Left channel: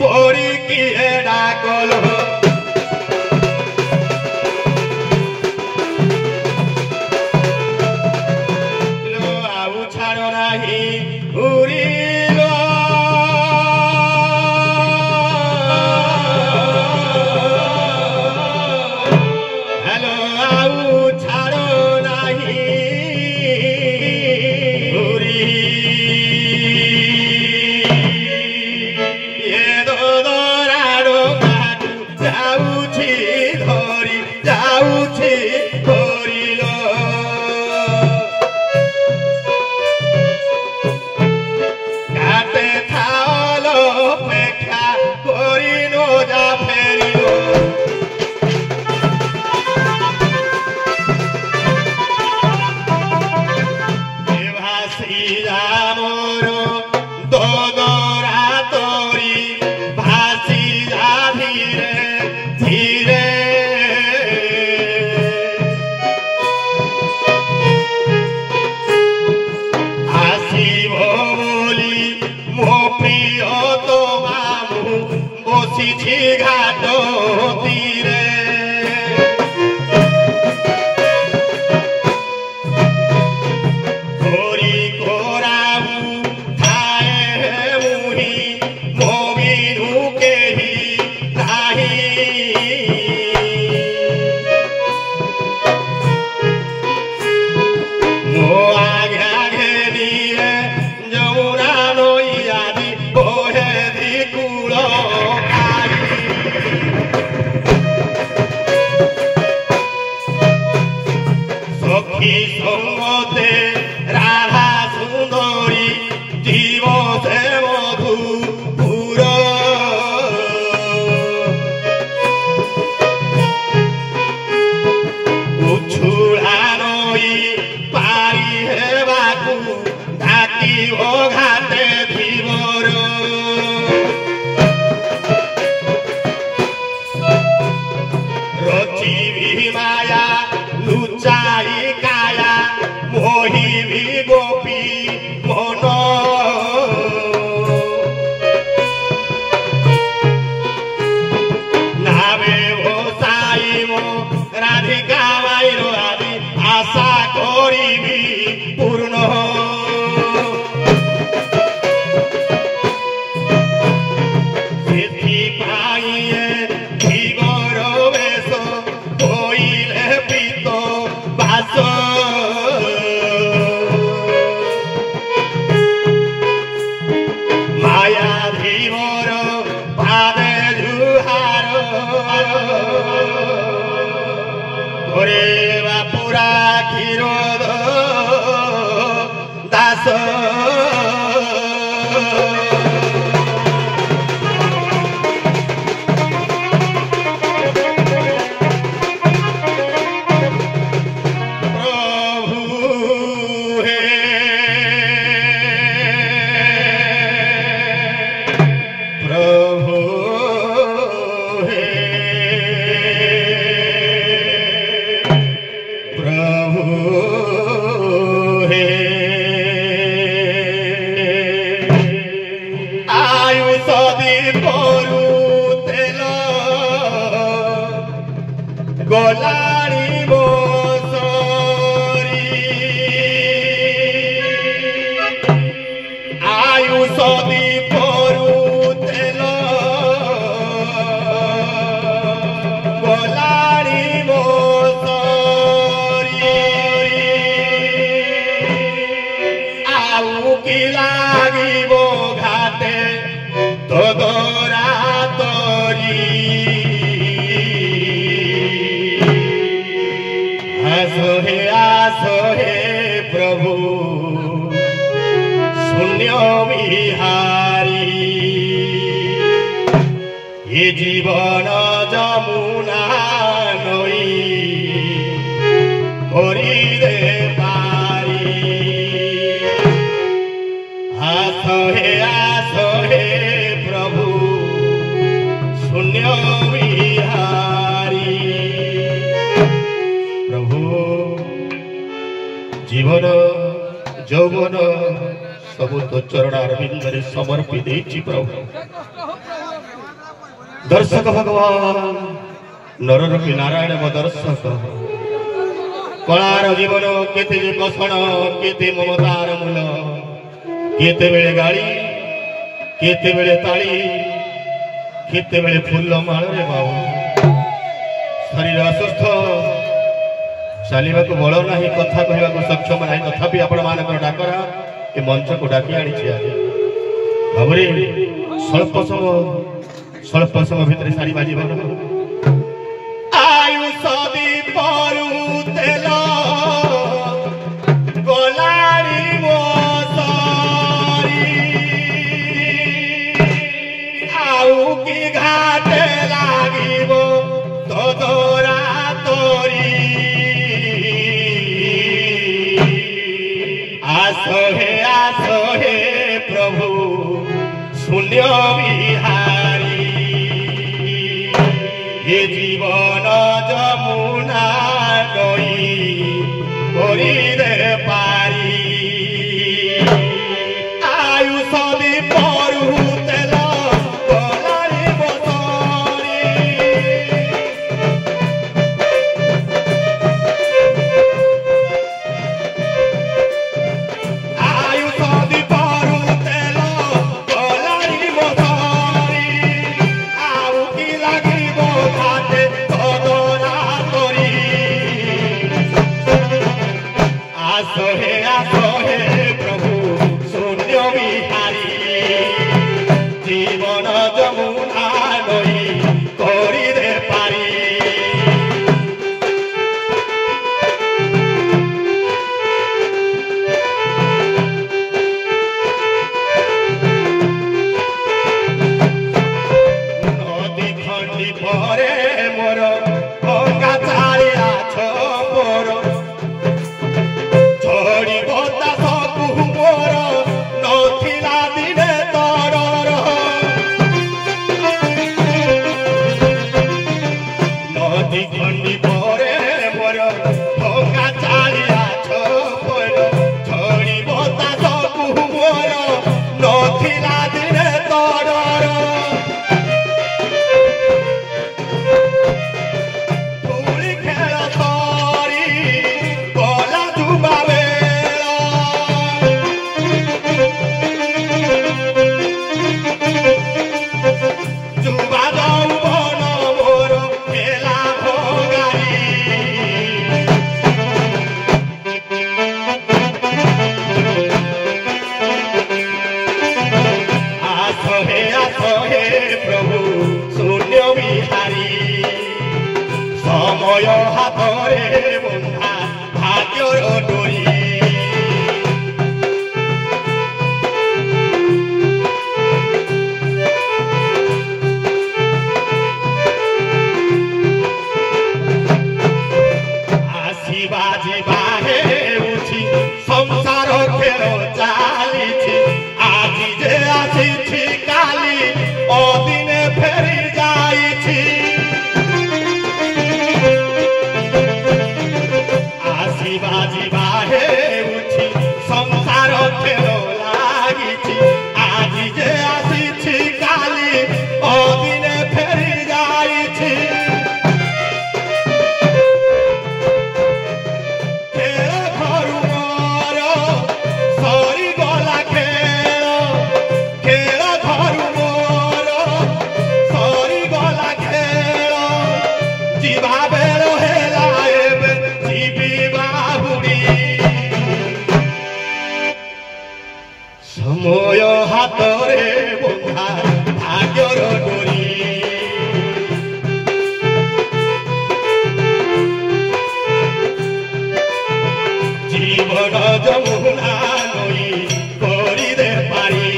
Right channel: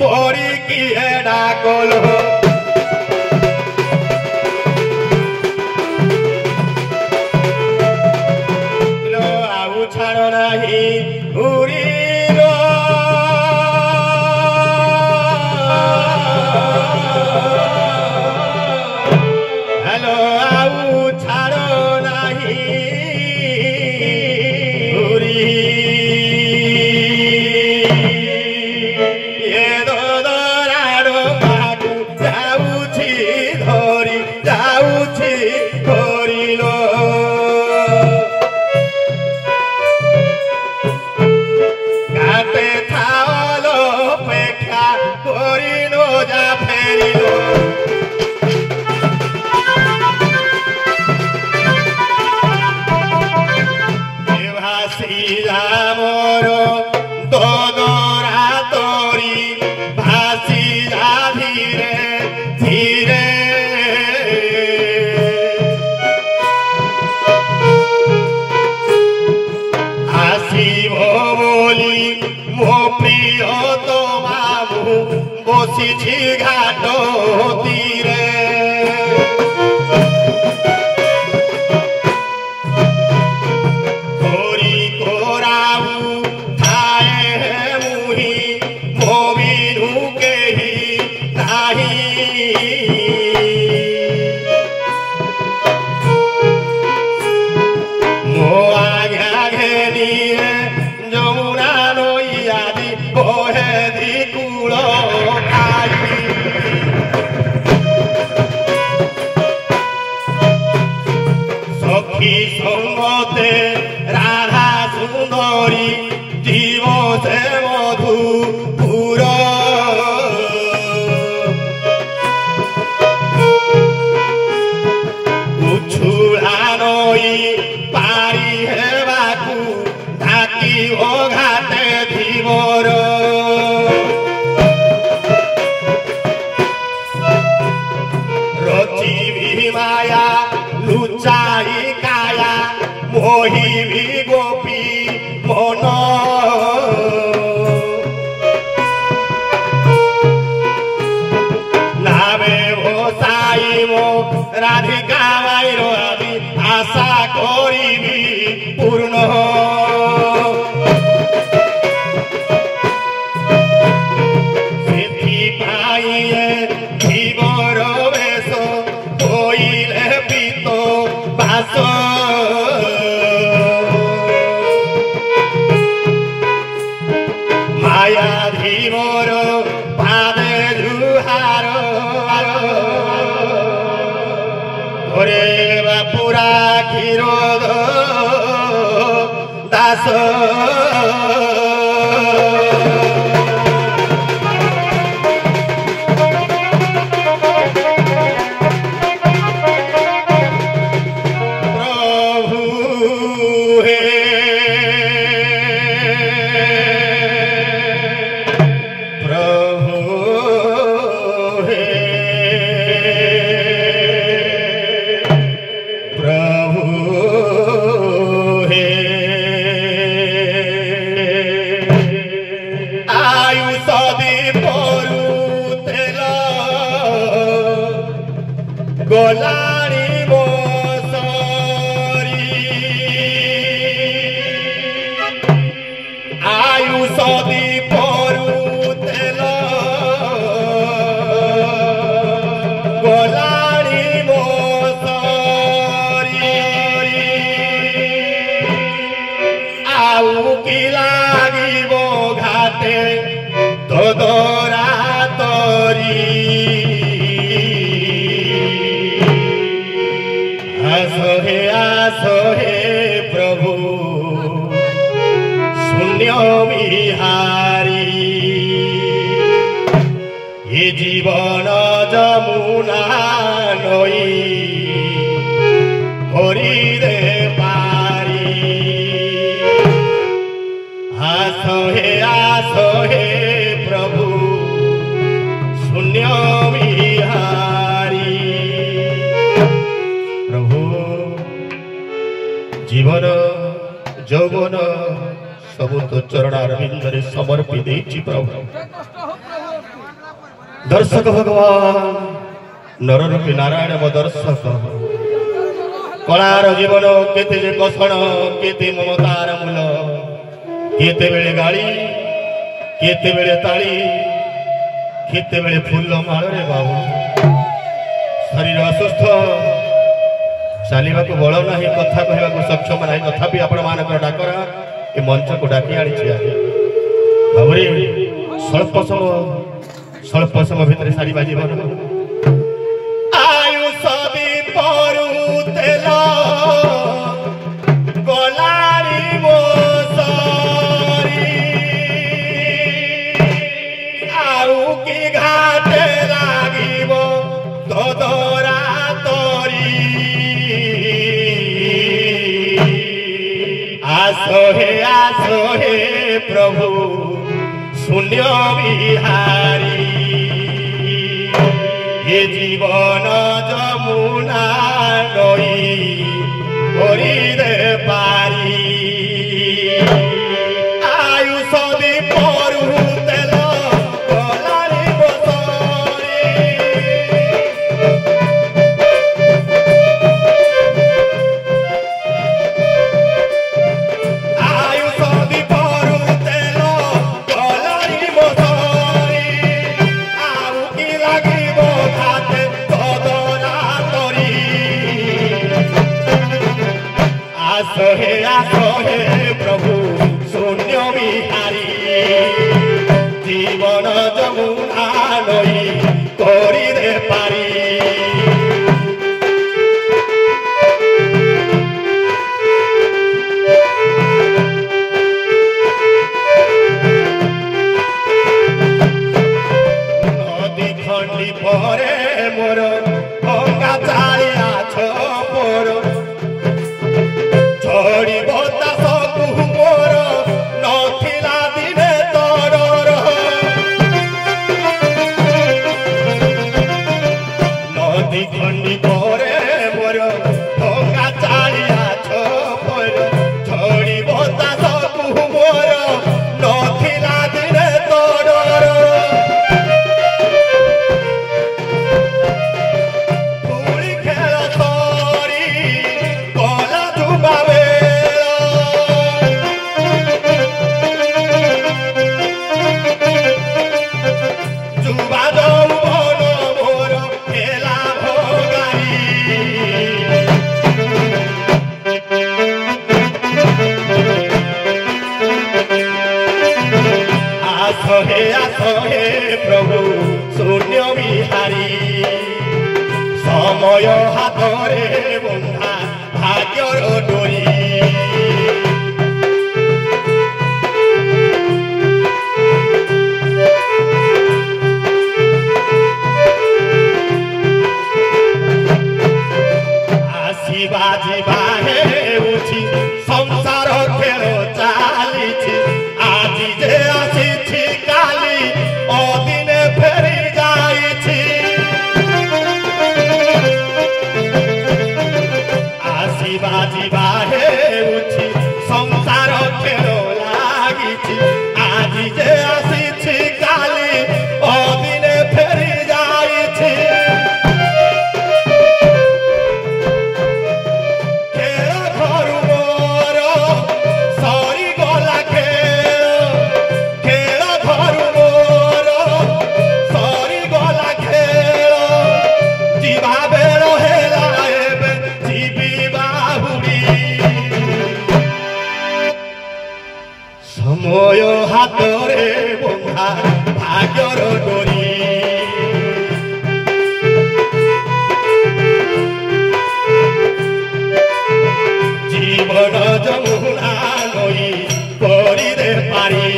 পরি কি ডাকল আউ ছাড় নাহি উড়িল হ্যালো আউ ছাড় নাহি ঘাট তীরে করি কোরাউ খায়ে মুহি মবিনু কেহি নাহি মো আঘা ঘেনিয়ে যমুনা নইয়াদি বহে দি কূল সখী সঙ্গতে রাধা সুন্দরী জীবসে মধুপুর উছুড়া নই পারি হেবাকু ঢাকিব ঘাটে ধীবর রচিবি মায়া লুচাই কায়া মোহিবি গোপী মন নামে ভোসাইব রাধিকা মাইর আদি আশা করিবি পূর্ণ ସେଥିପାଇଁ ଧୀବର ବେଶ ହୋଇଲେ ପିତ ବାସ ମାୟା ଧୀବର ପାଦେ ଜୁହାର ଘରେ ବାପୁରା କ୍ଷୀର ଦାସ গোলারি বসরি আয়ুষ দীপরু তেল গোলারি বসরি আউ কি লাগিব ঘাটে তোদরা তরি आसो हे प्रभु शून्य विहारी ये जीवन जमुना नई भरी दे पारी आसो हे प्रभु शून्य विहारी जीवन যৌবন सब तो चरण अरविंद समर्पी प्रभु। दर्शक भगवान नररूपी नारायण मो दर्शक कलार जीवन केते जे कषण केते ममतार मूल केते बेले गाड़ी केते बेले ताली केते बेले फूल माल रे बाबू शरीर असुस्थ चलवा को बल ना कथा कहवा सक्षम ना तथापि आपण मान डाकर ए मंच को डाकी आनी बाबूरे स्वल्प समय भितर सारी बाजी आयुष दीपरू तेल गलारी मोसरी आउ की घाटे लागिब तोरा तोरी आसो हे प्रभु शून्य बिहारी ये जीवन जमुना नई करिदे पारी आयुष दीपरू तेल गलारी मोसरी आयुष दीपरू तेल गलारी मोसरी आउ की लागिब घाटे तोरा तोरी आसो हे प्रभु शून्य बिहारी जीवन जमुना नई करिदे पारी नदी खंडी परे मोर गंगा चालिया छोर झड़ी बतास मोर नथिला दिने तरर नदी खंडी परे मोर गंगा चालिया छोर झड़ी बतास मोर नथिला दिने तरर धूଳି खेल सरी गला जुबा जुबा যৌবন মোর খেলা ভোগারি आसो हे प्रभु शून्य बिहारी समय हातरे बंधा भाग्यर डोरी आसिबा जिबा हेउछि संसार खेल चालिछि आजि जे आसिछि काली अदिने फेरि जाइछि आसिबा जिबा हेउछि संसार खेल लागिछि आजि जे आसिछि काली अदिने फेरि जाइछि खेल घरु मोर सरी गला खेल घरु मोर सरी गला खेल जीवा बेर हेला एबे जीवी बाहुड़ी समय हातरे बंधा भाग्यर डोरी जीवन जमुना नई करिदे पारी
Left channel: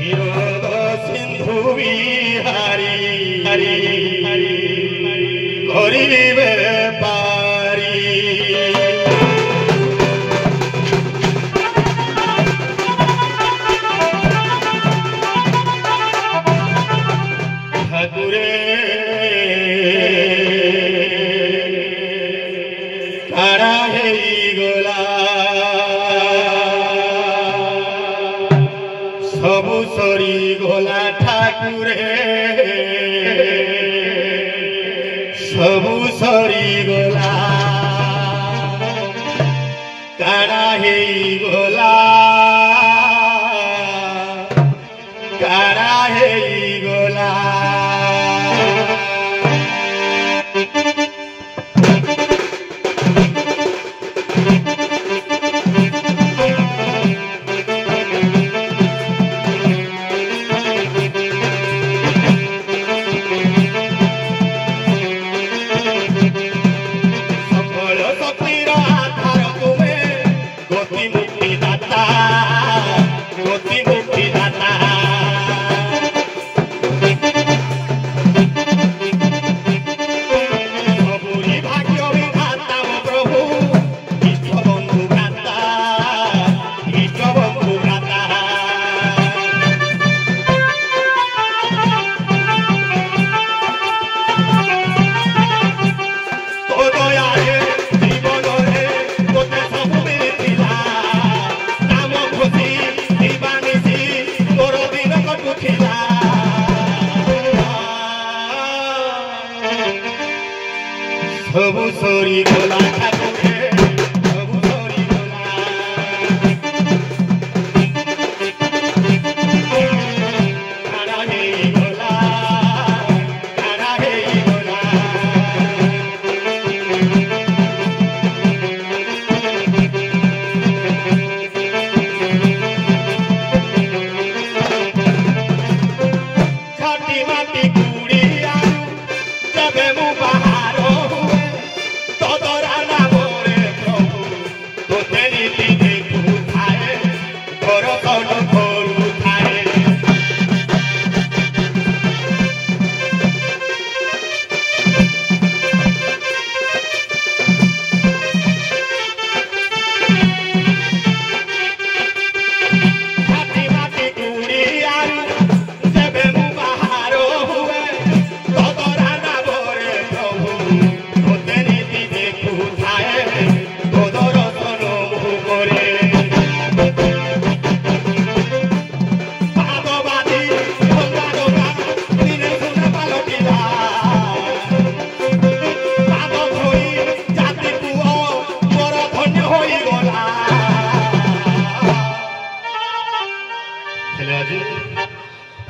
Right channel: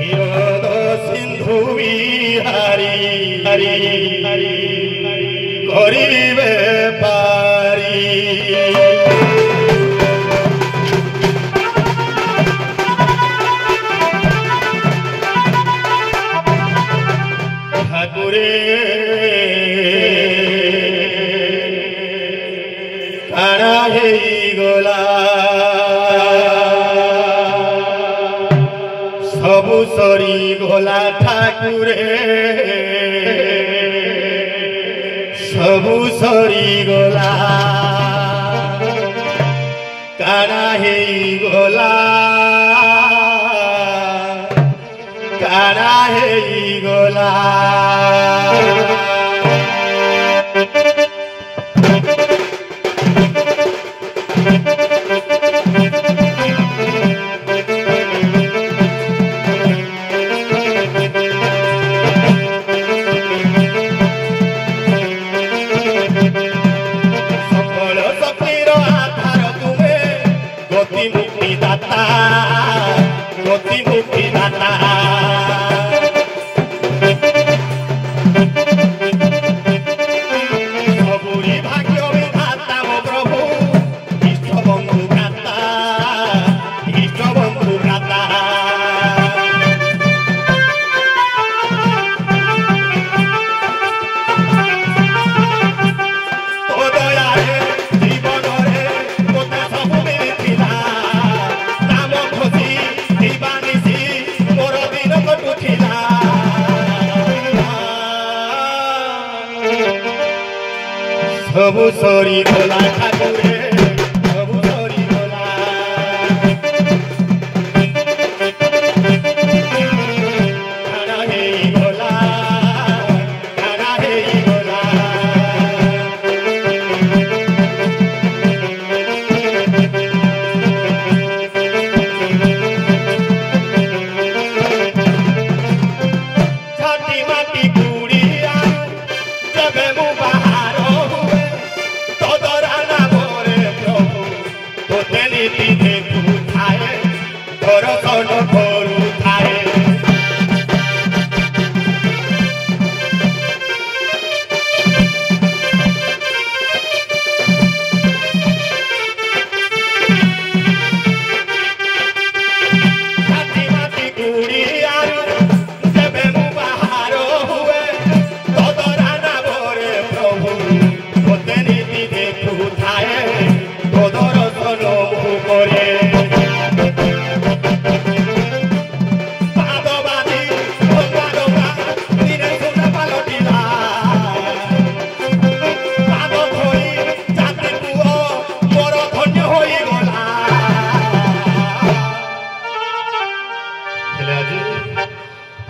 हिरोद सिंधु बिहारी करिबे पारी ठाकुरे काड़ा हे गोला सबु सरी गला काना हे गला काना हे गला सबु सरी गला ठाकुरे सबु सरी गला काना हे गला काना हे गला छाती माटी कुड़िया जबे मु बाहर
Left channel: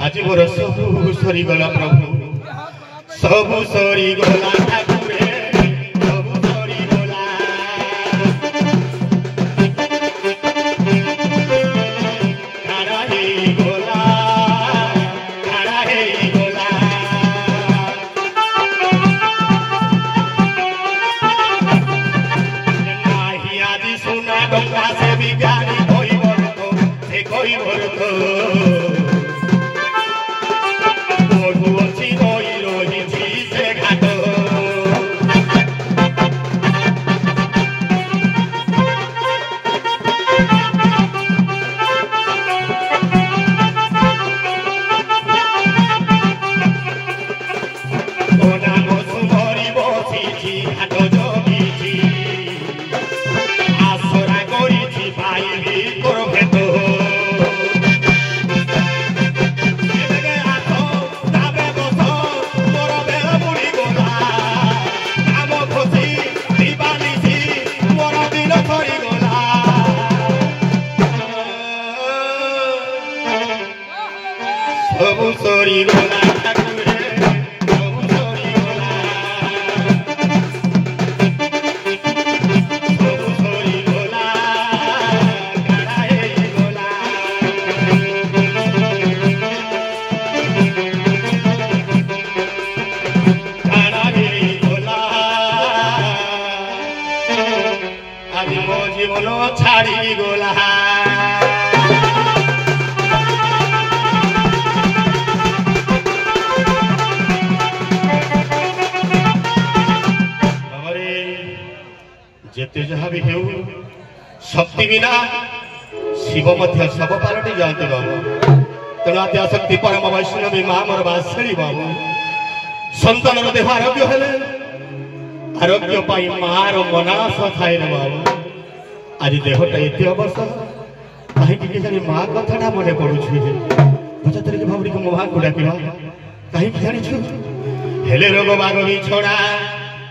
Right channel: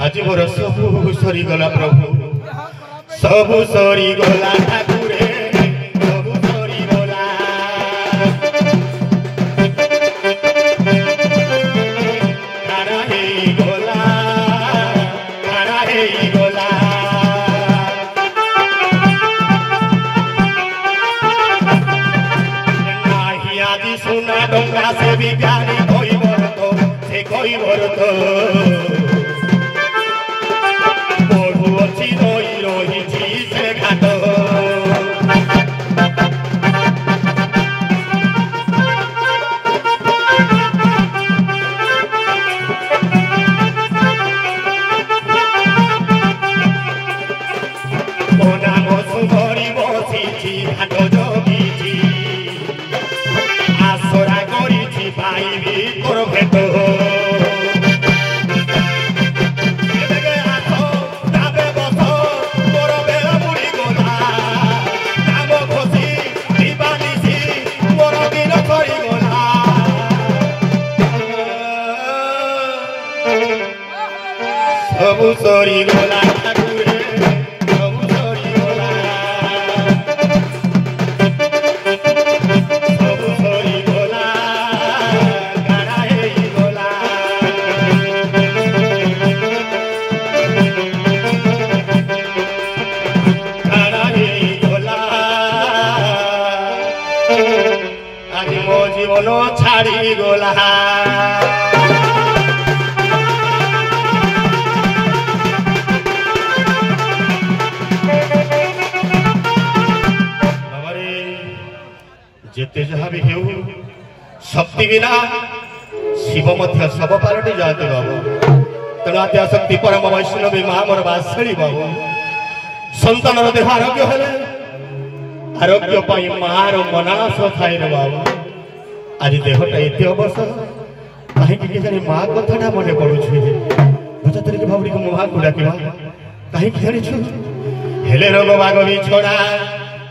आज मोर सबु सरी गला प्रभु सबु सरी गला ठाकुरे सबु सरी गला काना हे गला काना हे गला नाही आदि सुना गंगा से विज्ञानी कोई बरतो से कोई बरतो सबु सरी गला ठाकुरे सबु सरी गला सबु सरी गला काना हे गला काना हे गला आदि मो जीवन छाड़ी गला जेते जहाँ भी हेउ शक्ति बिना शिव मध्य सब पालटी जाते बाबू तेनात्या शक्ति परम वैष्णवी माँ मोर बासड़ी बाबू संतान देह आरोग्य हेले आरोग्य पाई मार मनास थाए रे बाबू आज देहटा एते अवसर कहीं जानी माँ कथा मन पड़ू बुझा तरीके भावरी को माँ को डाक कहीं जानी हेले रोग बाग भी छोड़ा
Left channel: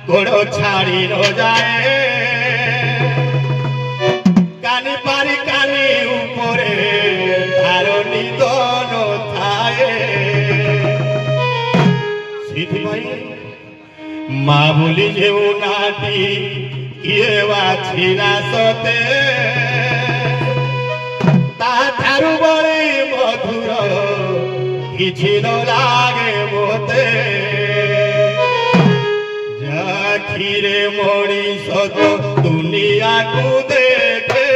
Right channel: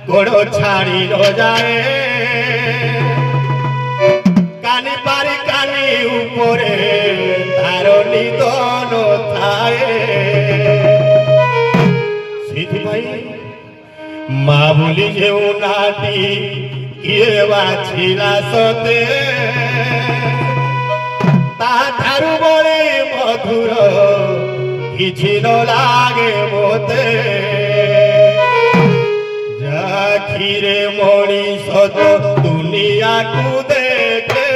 गोड़ो छाड़ी नो जाए कानी पारी कानी ऊपरे तारो निदन थाए सीथिपाई माँ बोली जेउ नाटी किए बाछिला सते ता ठारू बड़ी मधुर किछि न लागे मोते जाखिरे मनीष तो दुनिया को देखे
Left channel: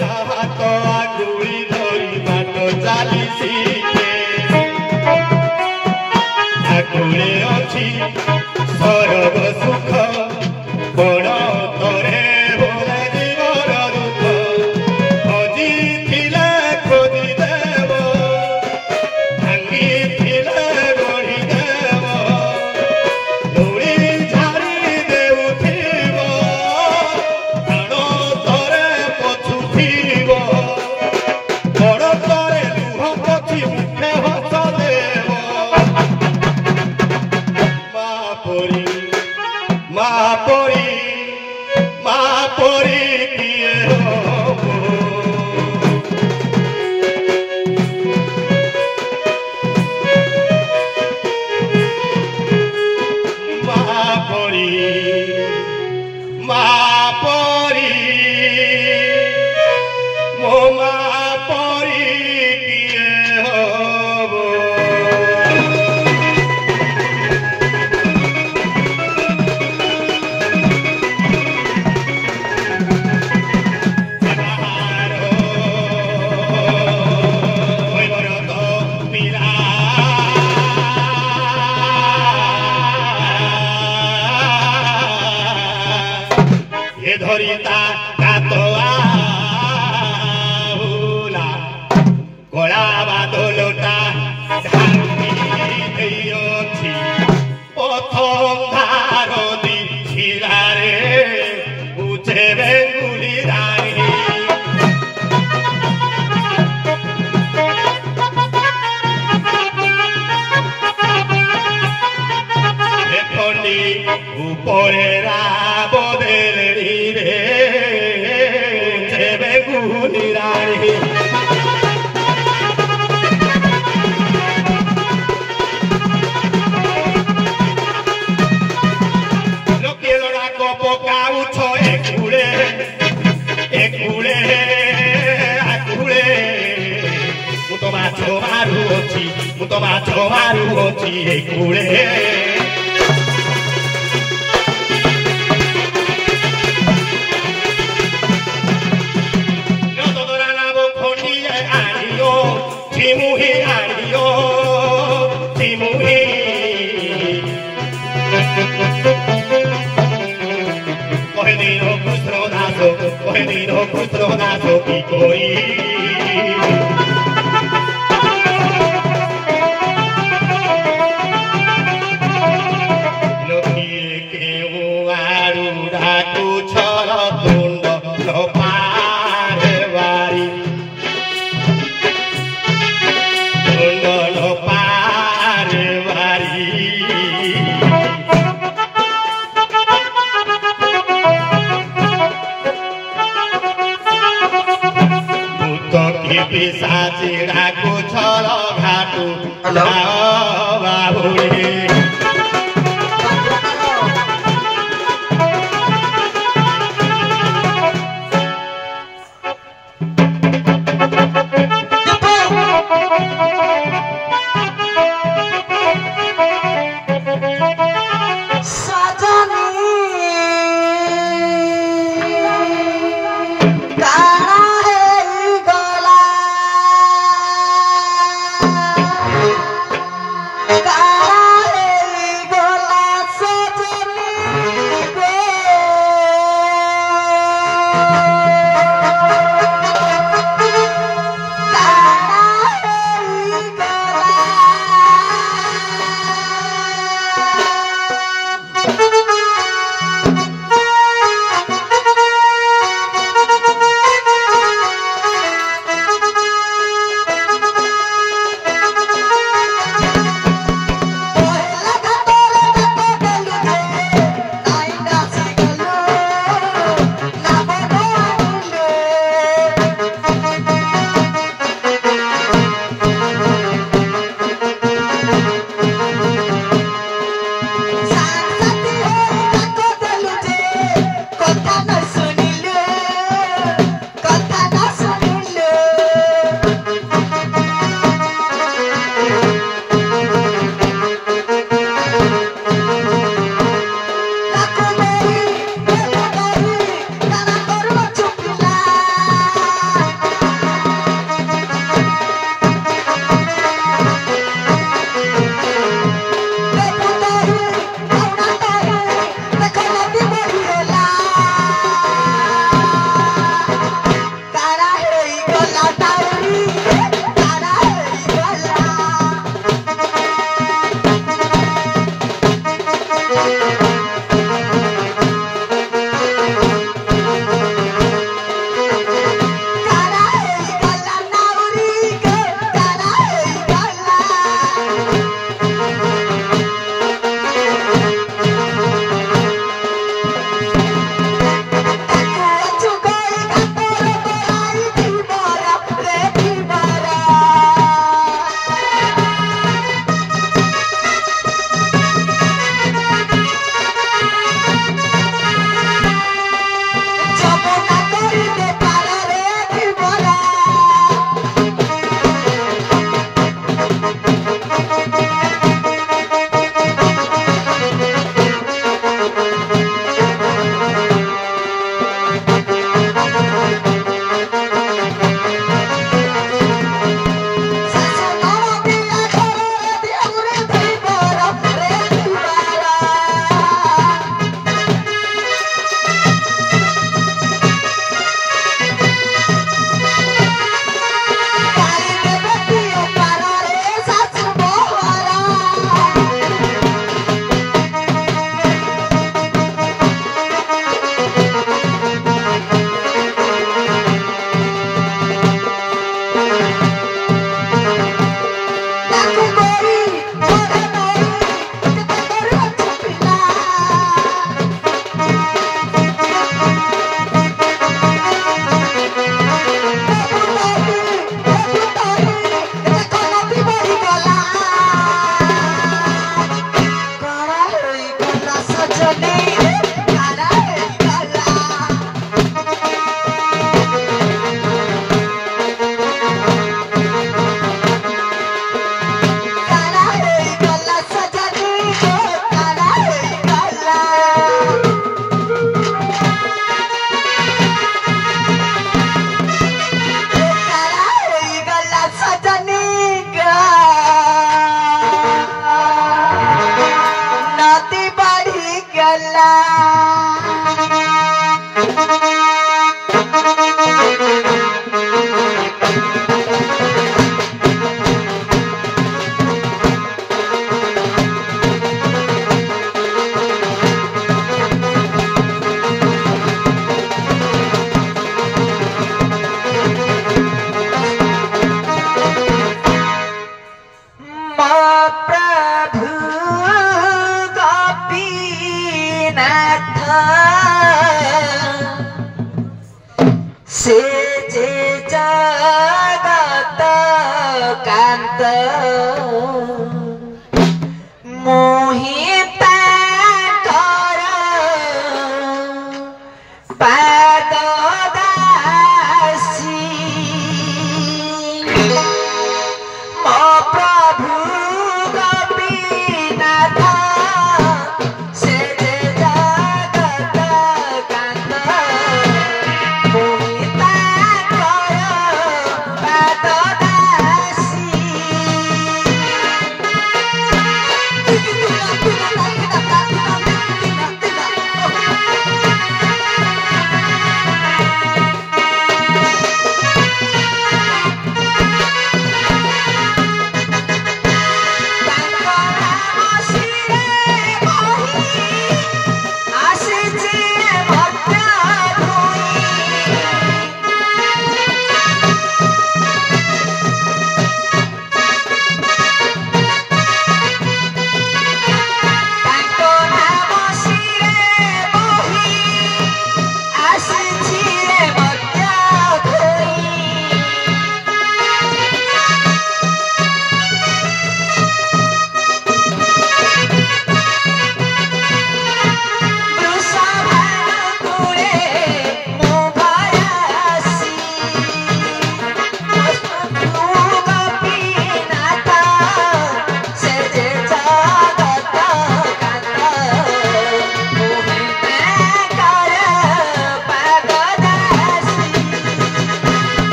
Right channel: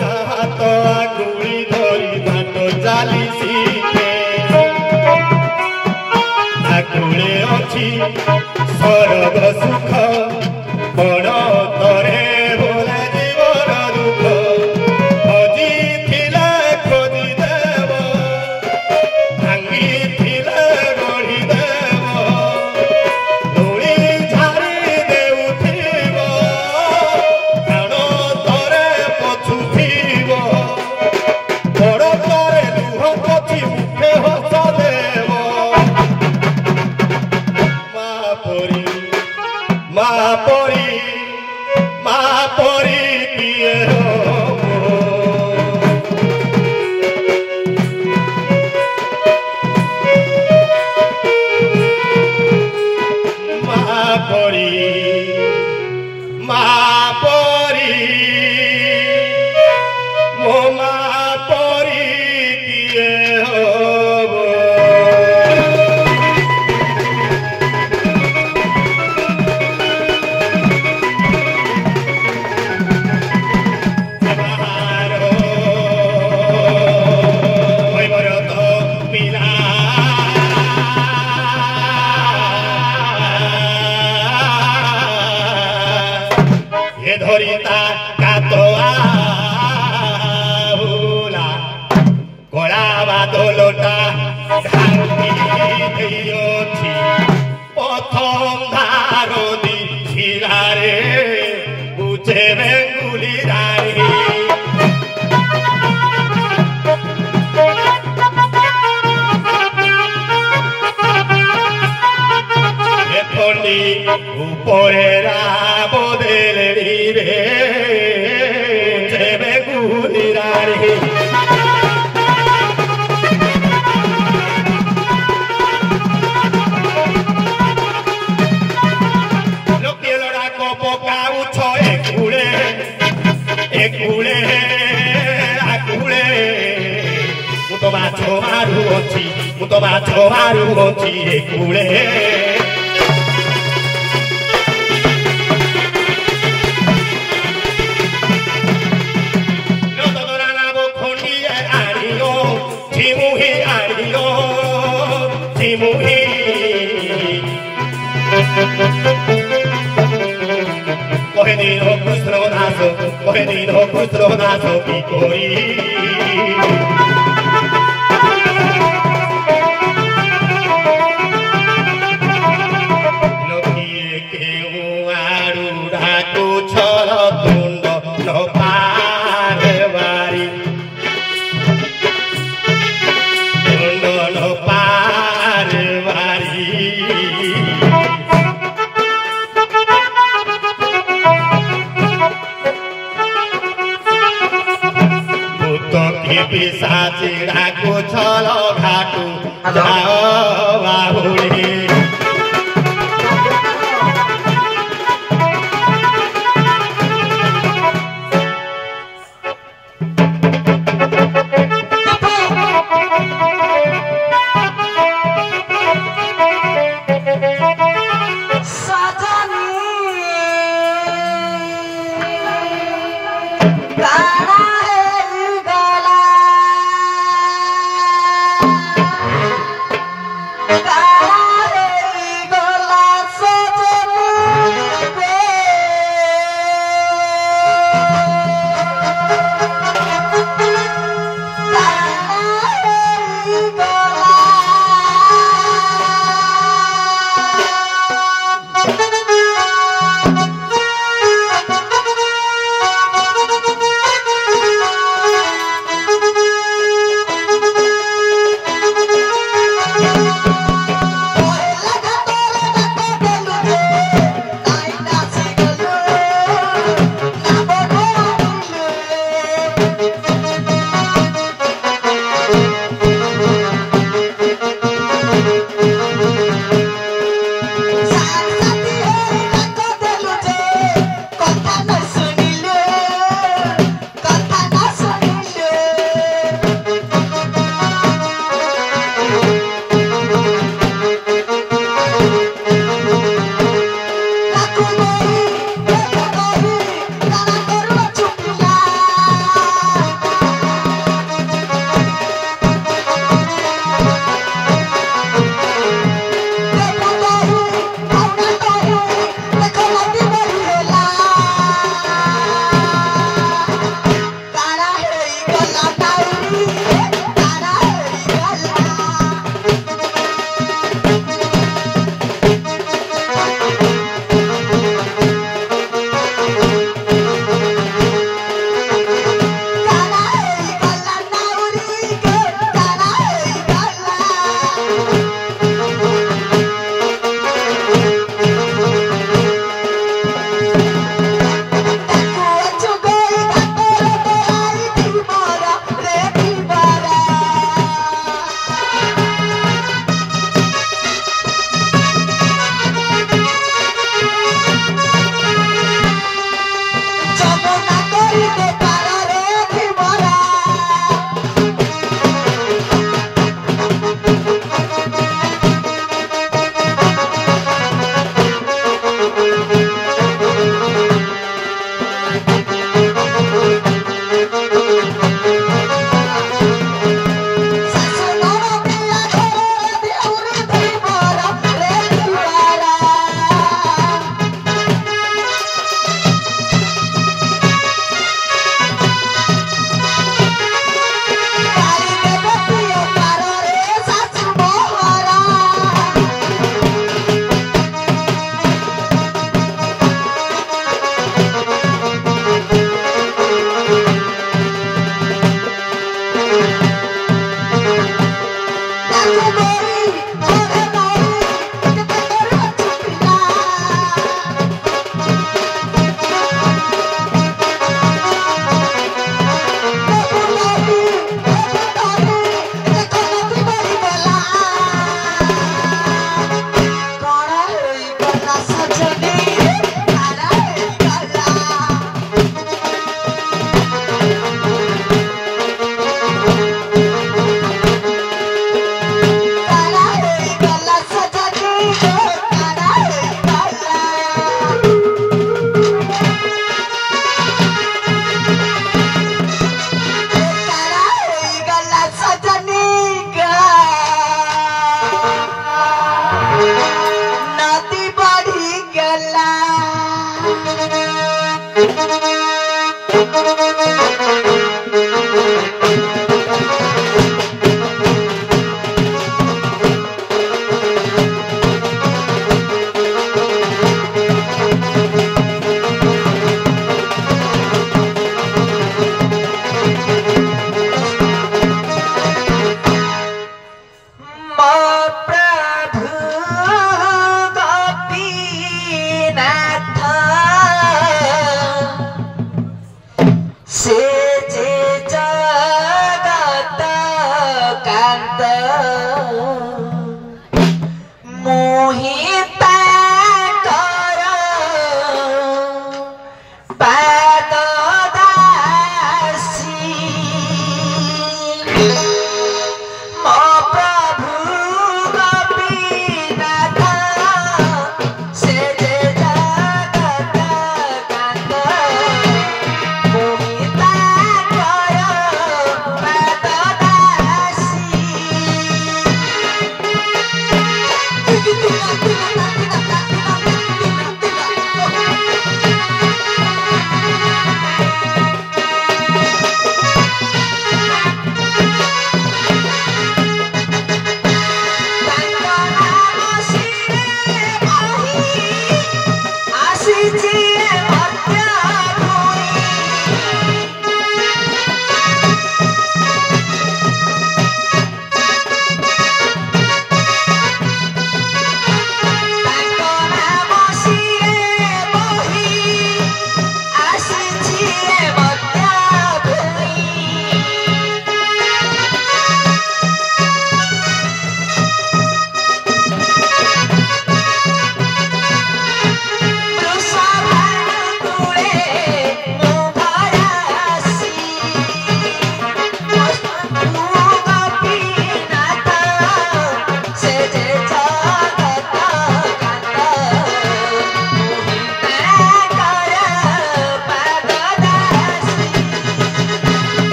जहाँ तो आगुली धरी बाट चाली सीखे आगुले अच्छी स्वर्ग सुख बड़ तरे बोले जीवन दुख अजी थिले खोजी देव भांगी थिले गढ़ी देव दौड़ी झाड़ी देउथिब प्राण तरे पछुथिब बड़ तरे लुह पछी मुखे हस देव माँ परी किए माँ परी मो माँ परी किए हो धरिता कातोआ भूला कला बादलटा ढांकी देइछि प्रथम धारदी छिलारे उचे बेंगुली रानी एखनी उपरे राबदेलरी रे बेंगुली रानी लोके लड़ा को पकाउछ एकुळे आकुळे मु तो माछ मारू अछि एकुळे Cohenino custronato picori Lokie che muaru raku chara tundo no parvari Tundo no parvari Pisar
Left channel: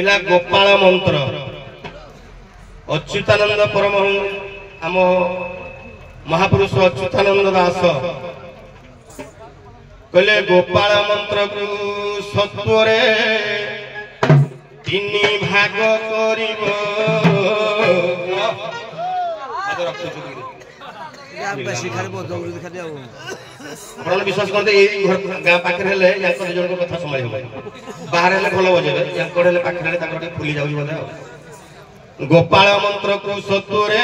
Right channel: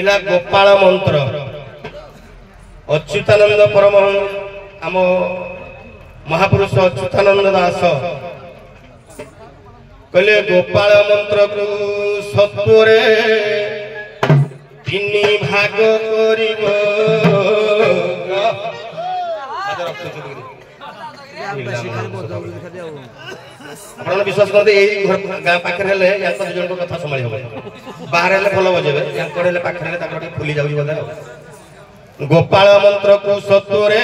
इला गोपाल मंत्र अच्युतानंद परमहंस आम महापुरुष अच्युतानंद दास कहले गोपाल मंत्र को सत्वरे तीन भाग करिबो आपन विश्वास करते ए गाँ पाखे हेले याको जन को कथा संभाली हो बाहर हेले भलो बजेबे याको हेले पाखे हेले ताकर फुली जाउजी बोले गोपाल मंत्र को सत्वरे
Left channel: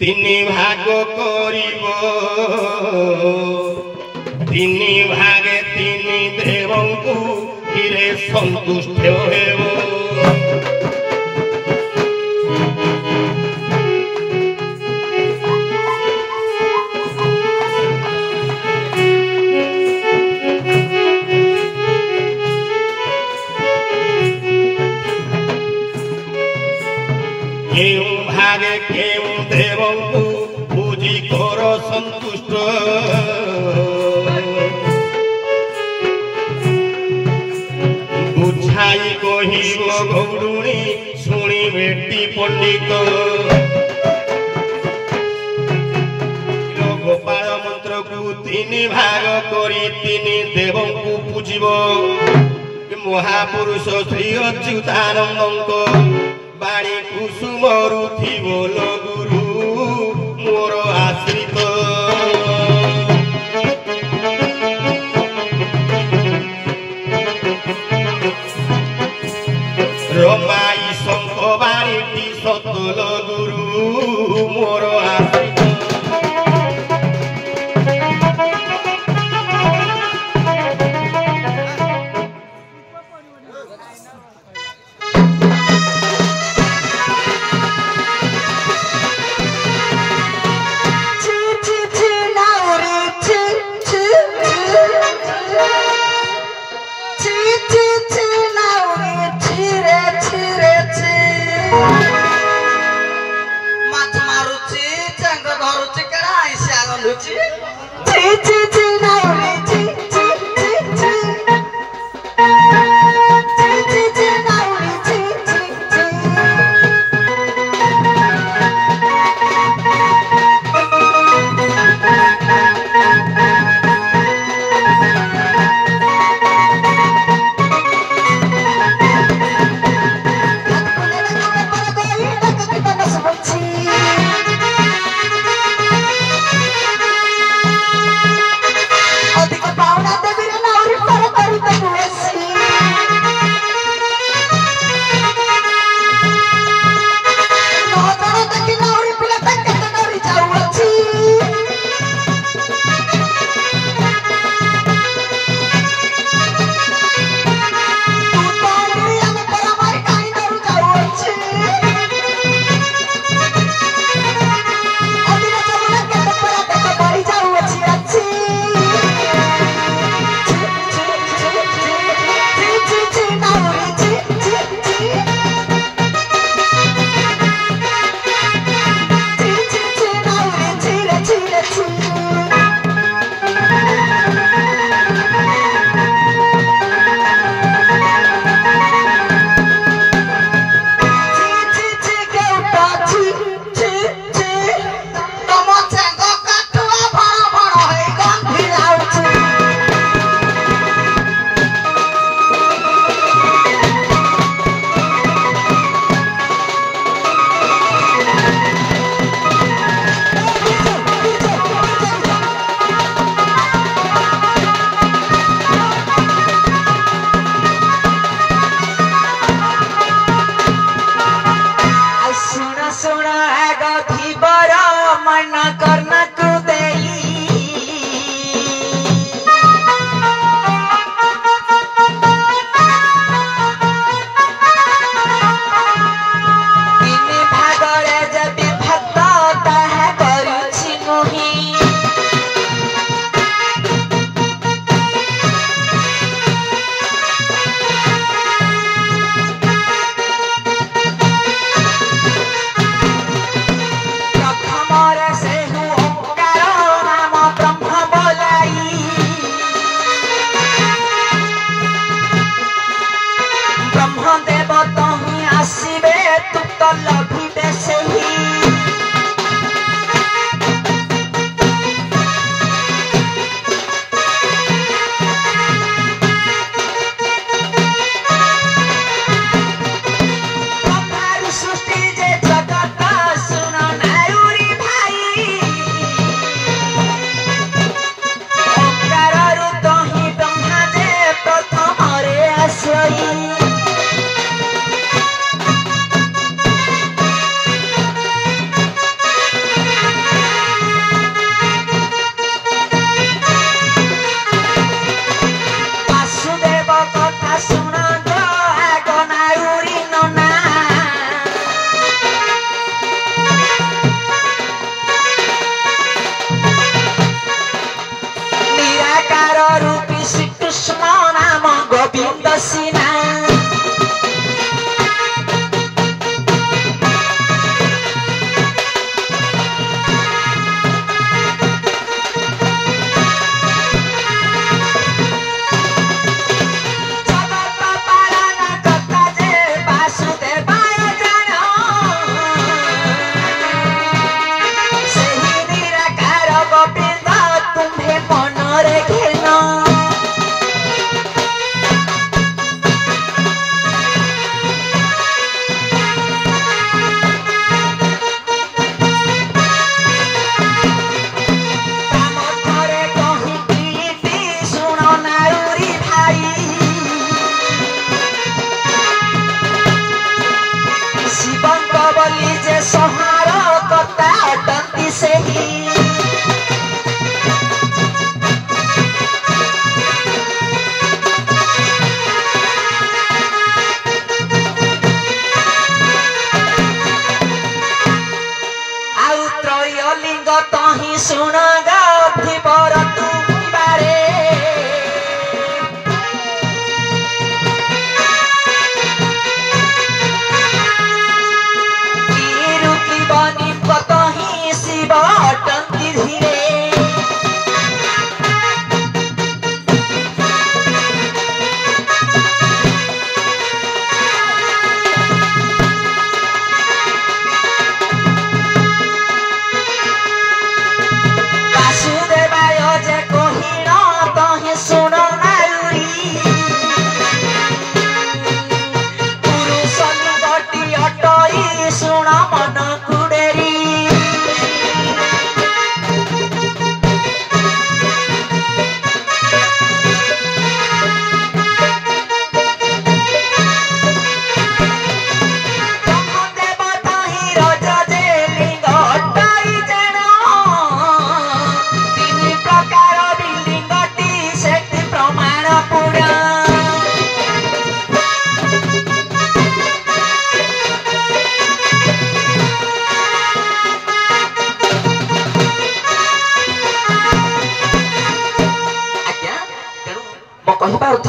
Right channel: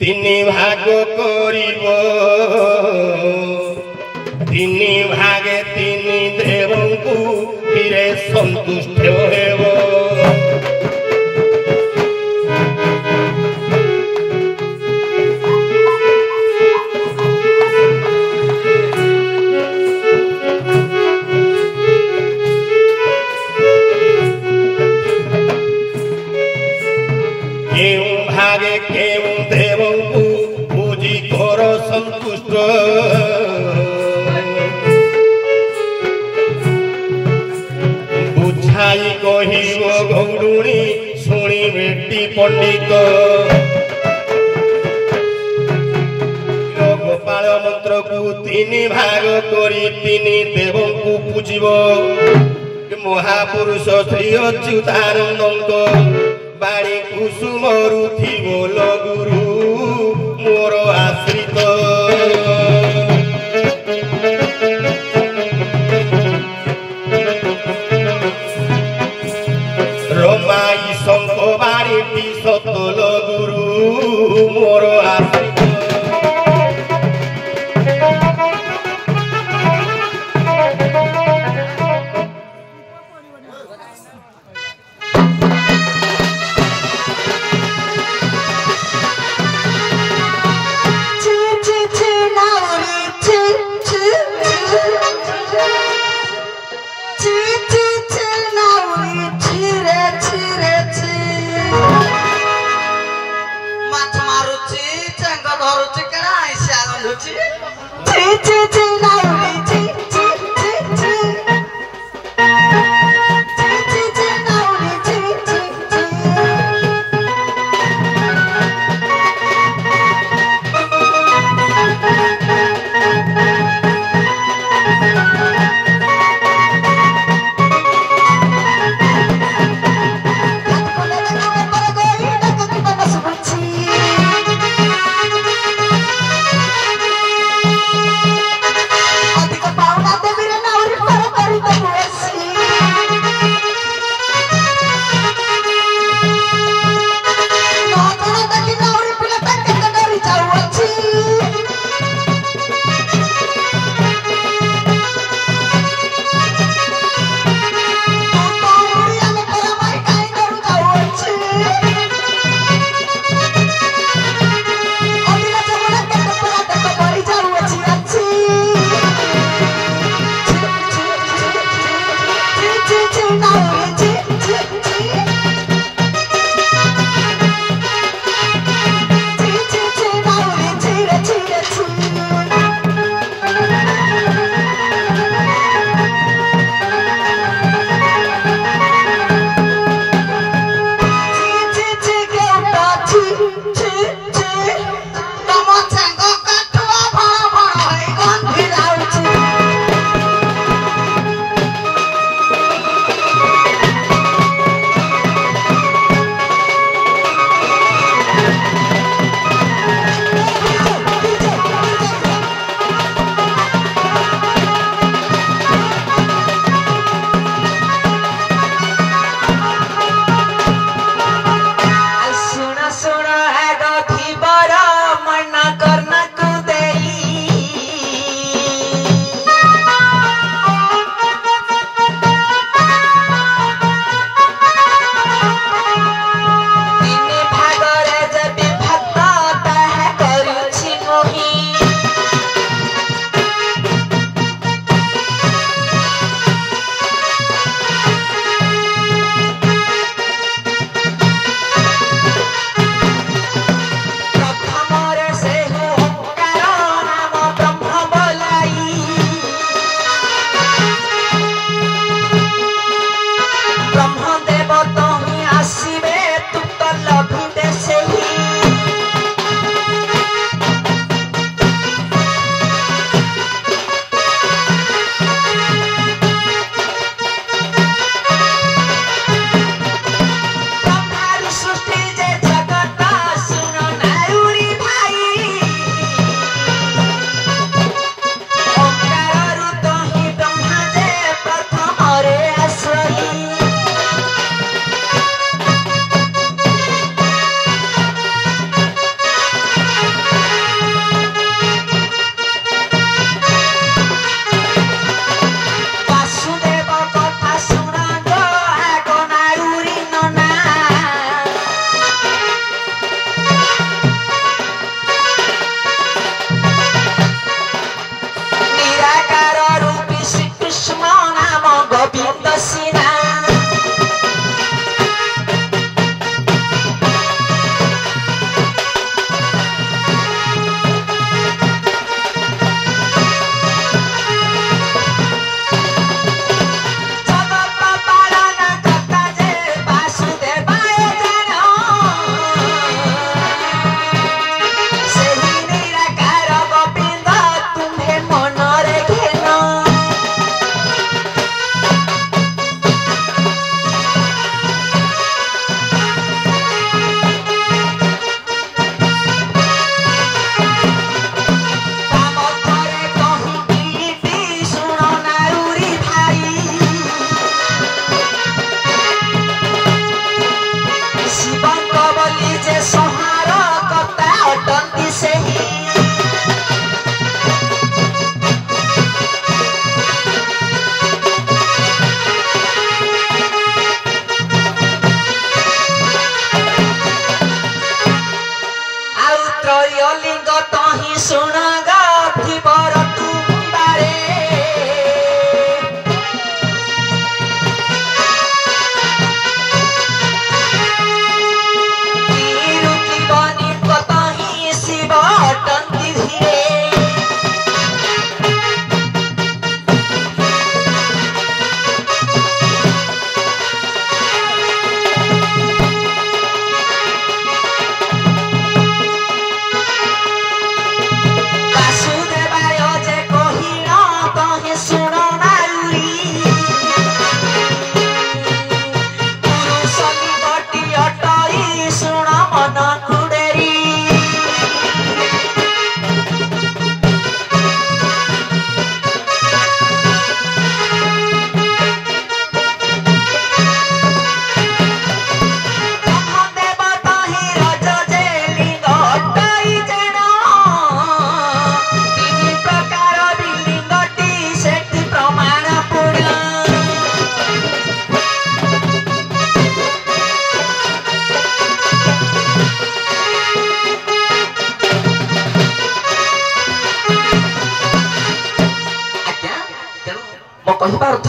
तीन भाग करिबो तीन भागे तीन देवंकु हिरे संतुष्ट हेबो पंडित गोपाल मंत्र को तीन भाग करी तीन देवों को पूजिब महापुरुष श्री अच्युतानंद बाणी कुसुम रुथिब गुरु मोर आश्रित रमाई शंख बाणी सतल गुरु मोर आश्रित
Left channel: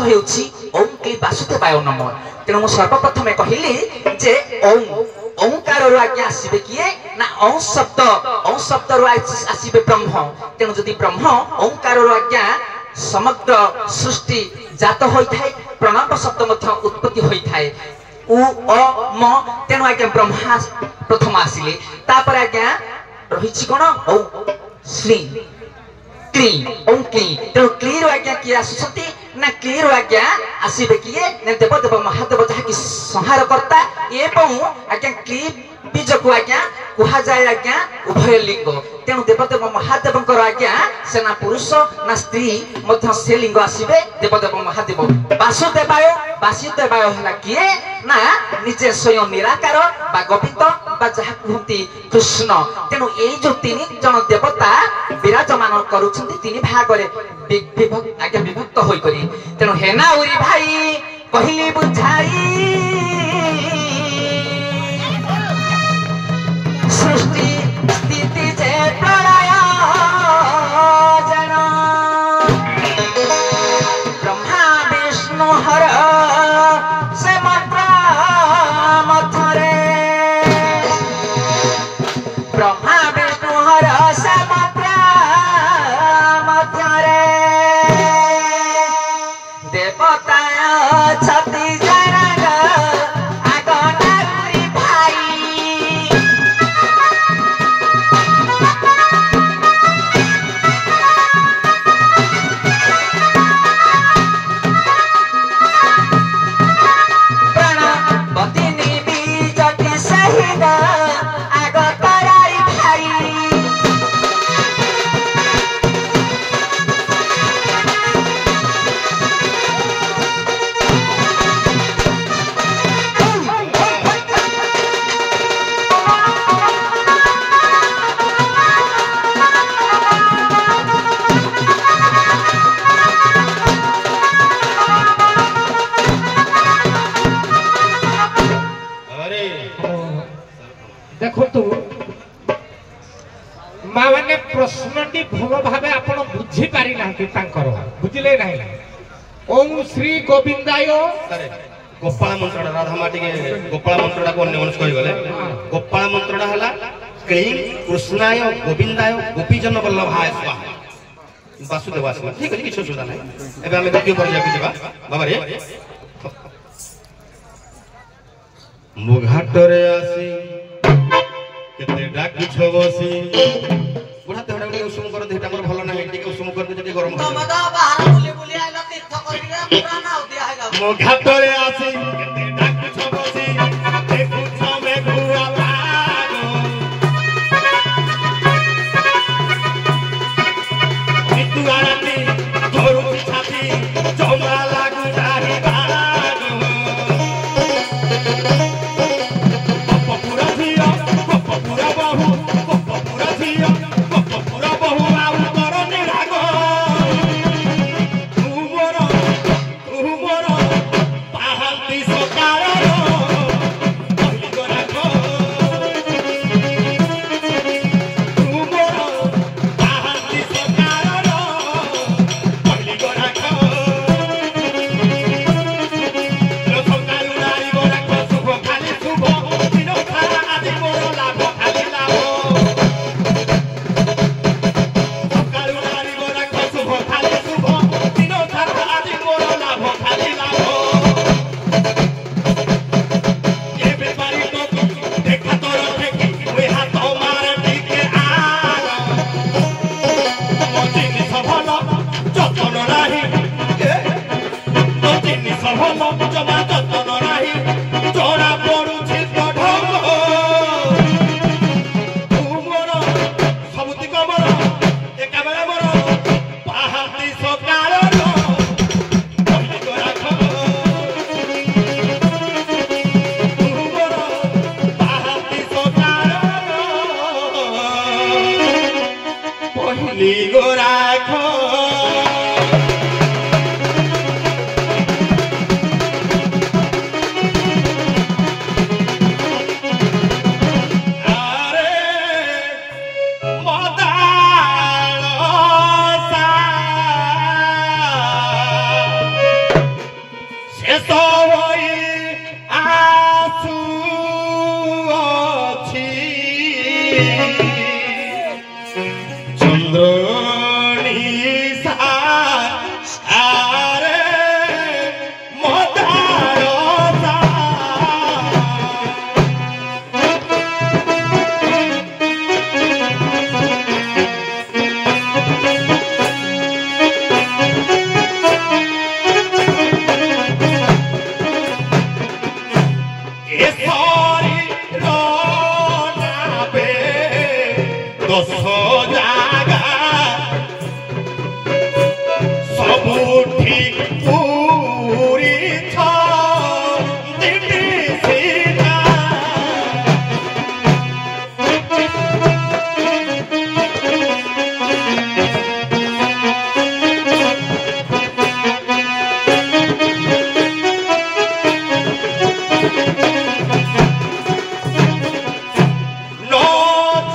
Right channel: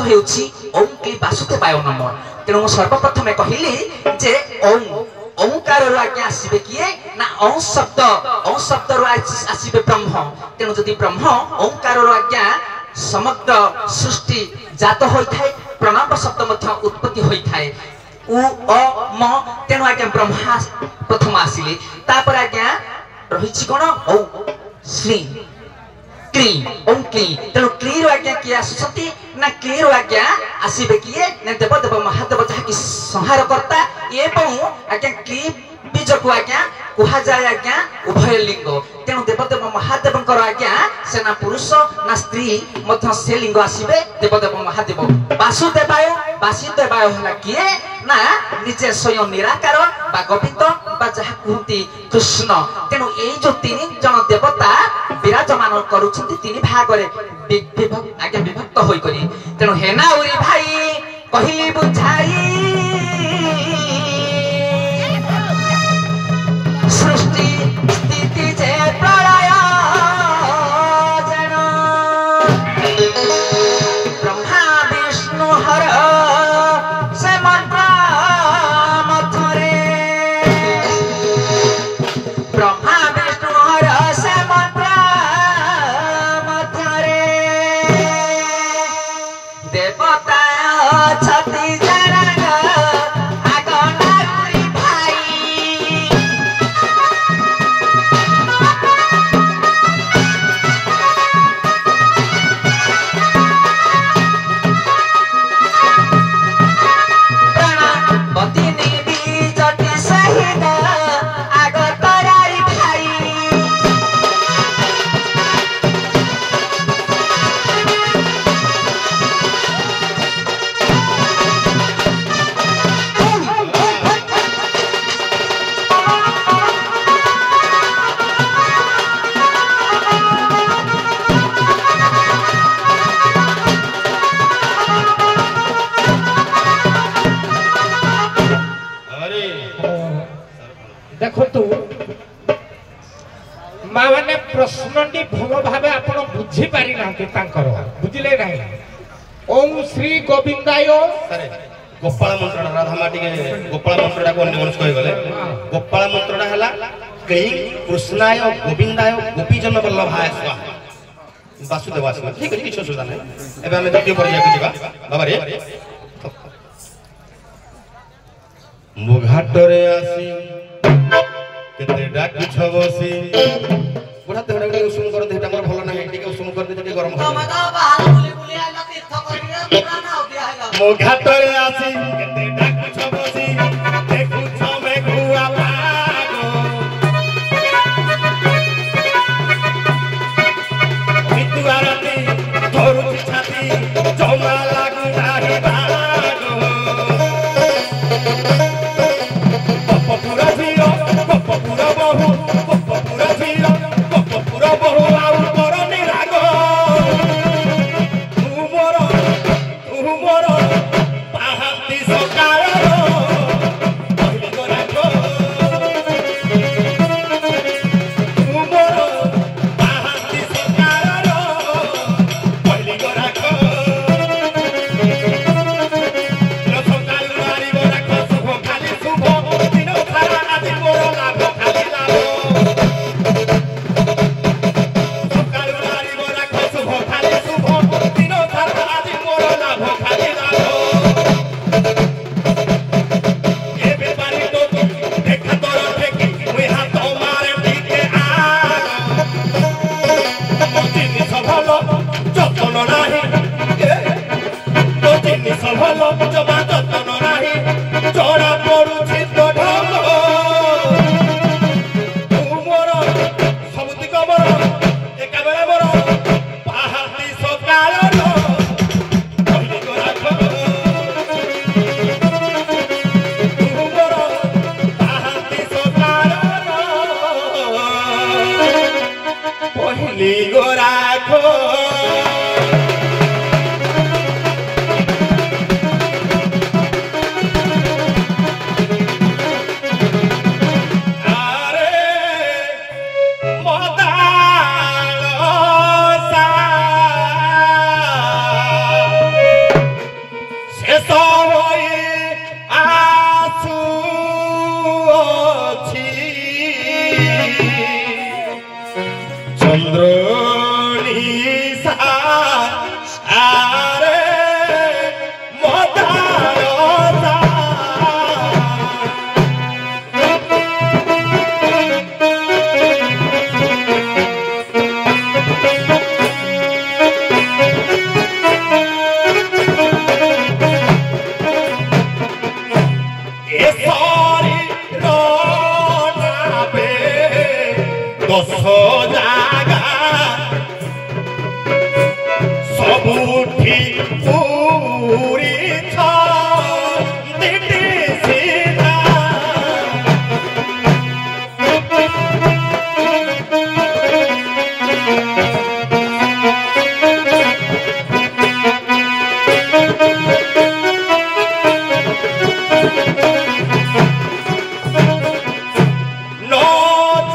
ହେଉଛି ଓಂ କ୍ଲି ବାସୁଦେବାୟ ନମଃ। ତେଣୁ ମୁଁ ସର୍ବପ୍ରଥମେ କହିଲି ଯେ ଓಂ ଓଁକାରରୁ ଆଜ୍ଞା ଆସିବେ କିଏ ନା ଓଁ ଶବ୍ଦରୁ ଆସିବେ ବ୍ରହ୍ମ। ତେଣୁ ଯଦି ବ୍ରହ୍ମ ଓଁକାରରୁ ଆଜ୍ଞା ସମଗ୍ର ସୃଷ୍ଟି ଜାତ ହୋଇଥାଏ, ପ୍ରଣବ ଶବ୍ଦ ମଧ୍ୟ ଉତ୍ପତ୍ତି ହୋଇଥାଏ। उ अ म तेणु आज्ञा ब्रह्मा प्रथम आसिले तापर आज्ञा रहिछि कोन औ श्री क्ली ओं क्ली। तेणु क्ली रो आज्ञा कि आसुछंती ना क्ली रो आज्ञा आसीबे किए ने देवदेव महादेव जहा कि संहार करता एवं आज्ञा क्ली बीज को आज्ञा कुहा जाय आज्ञा उभय लिंग। तेणु देवदेव महादेव आज्ञा सेना पुरुष ना स्त्री मध्य से लिंग आसीबे देवदेव महादेव। वासुदेवाय वासुदेवाय हला किए ना निजे स्वयं निराकार बा गोविंद बा जहा कहती कृष्ण। तेणु ए जो तीन जन देवता विराजमान करूछंती तीन भाग रे आगे विभक्त होई करी। तेणु हेना उरी भाई कहिली बुझाई सृष्टि स्थिति जे प्रलय जन ब्रह्मा विष्णु हर से मंत्र मथरे ब्रह्मा विष्णु हर से मंत्र मथरे देवता छति जरग आगना गुरी भाई। बतिनी बीजटी सहित आग कराई भाई। अरे देखो माने प्रश्नटी भल भाव आप बुझी पारि ना बुझिले ना ओम श्री गोविंदाय अरे गोपाल मंत्रटा राधा माटी के गोपाल मंत्रटा को अन्य मनुष्य गले गोपाल मंत्रटा हला क्लीं कृष्णाय गोविंदाय गोपीजन वल्लभाय स्वाहा वासुदेव स्वाहा। ठीक है किछ सुधा नहीं एबे हम द्वितीय पर्याय के जिबा बाबा रे मुघाटरे आसी केते डाकी छबसी बुढ़ा ते हडा उषुम कर दे हमर भलो नहीं टिके उषुम कर दे जति गरम हो मुघाटरे आसी केते डाकी छबसी देखु छमे गुआ भागो कितु आरती धरु छाती जमा लागु नाही भागो চন্দ্র নিশা আরে মদারতা এসরি রনাবে দশ জাগা সবুঠি পুরিছ দিদি সিধা নো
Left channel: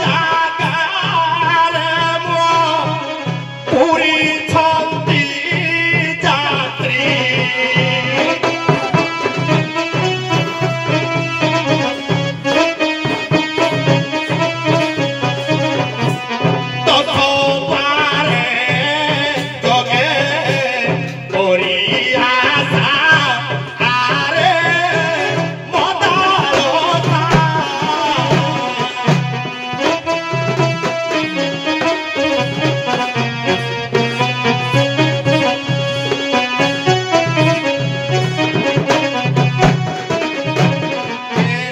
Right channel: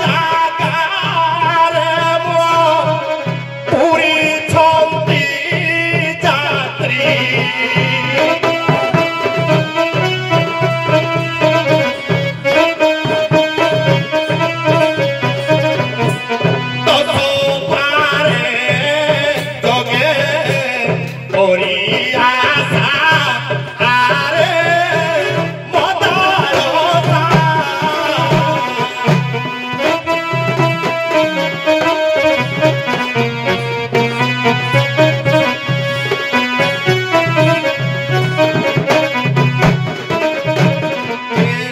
জাগারে মো পুরিছন্তি যাত্রী তত পারে তোকে করি আশা আরে মদারতা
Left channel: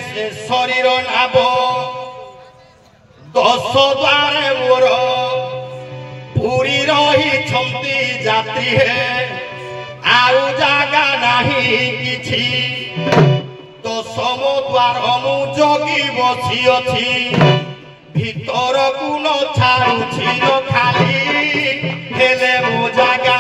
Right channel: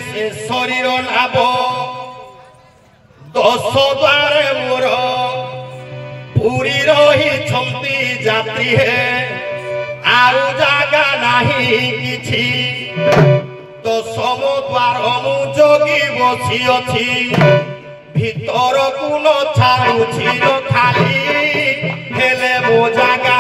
সে শরীর লাভ দশ দ্বারে মোর পুরী রহিছন্তি যাত্রী হে ଆଉ ଜାଗା ନାହିଁ କିଛି ଦଶମ ଦ୍ୱାର ମୁଁ ଜଗି ବସିଅଛି ଭିତରକୁ ନ ଛାଡୁଛି ର ଖାଲି ହେଲେ ମୋ ଜାଗା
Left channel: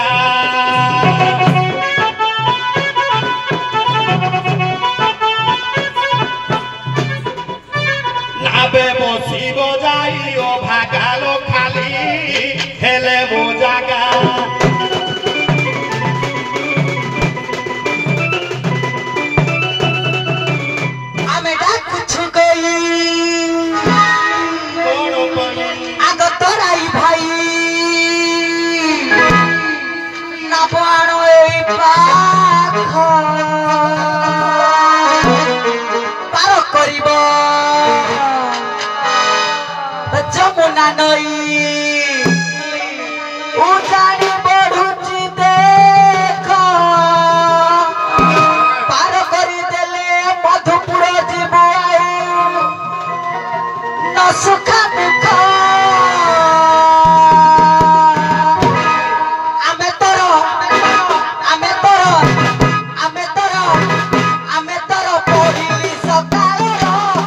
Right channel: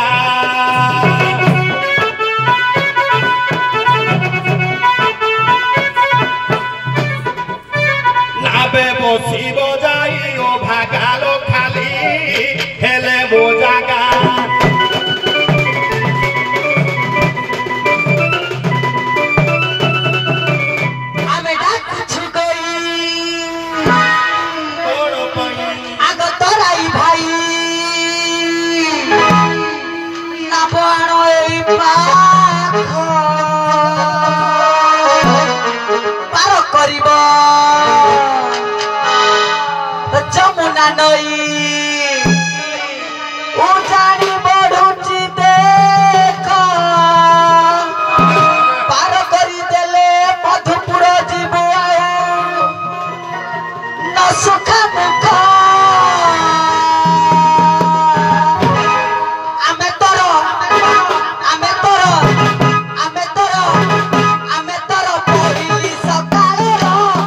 নাবে বসিব যাই ও ভাগালো খালি হেলে মো জাগা ଆମେ ଡାକୁଛୁ ଗଇ কোন পাই ଆଗ ତରାଇ ଭାଇ ନବ ଆଣ ଏଇ ପାଖ ପାର କରିବ ଯମୁନା ନଈ ଉଠାଣି ବଢୁଛି ଦେଖ ପାର କରିଦେଲେ ମଧୁପୁର ଯିବ ଆଉ ନ ସୁଖା ଦୁଃଖ ଆମେ ତୋର ଆମେ ତୋର ଆମେ ତୋର ଆମେ ତୋର ପଡ଼ିଲି ସକାଳ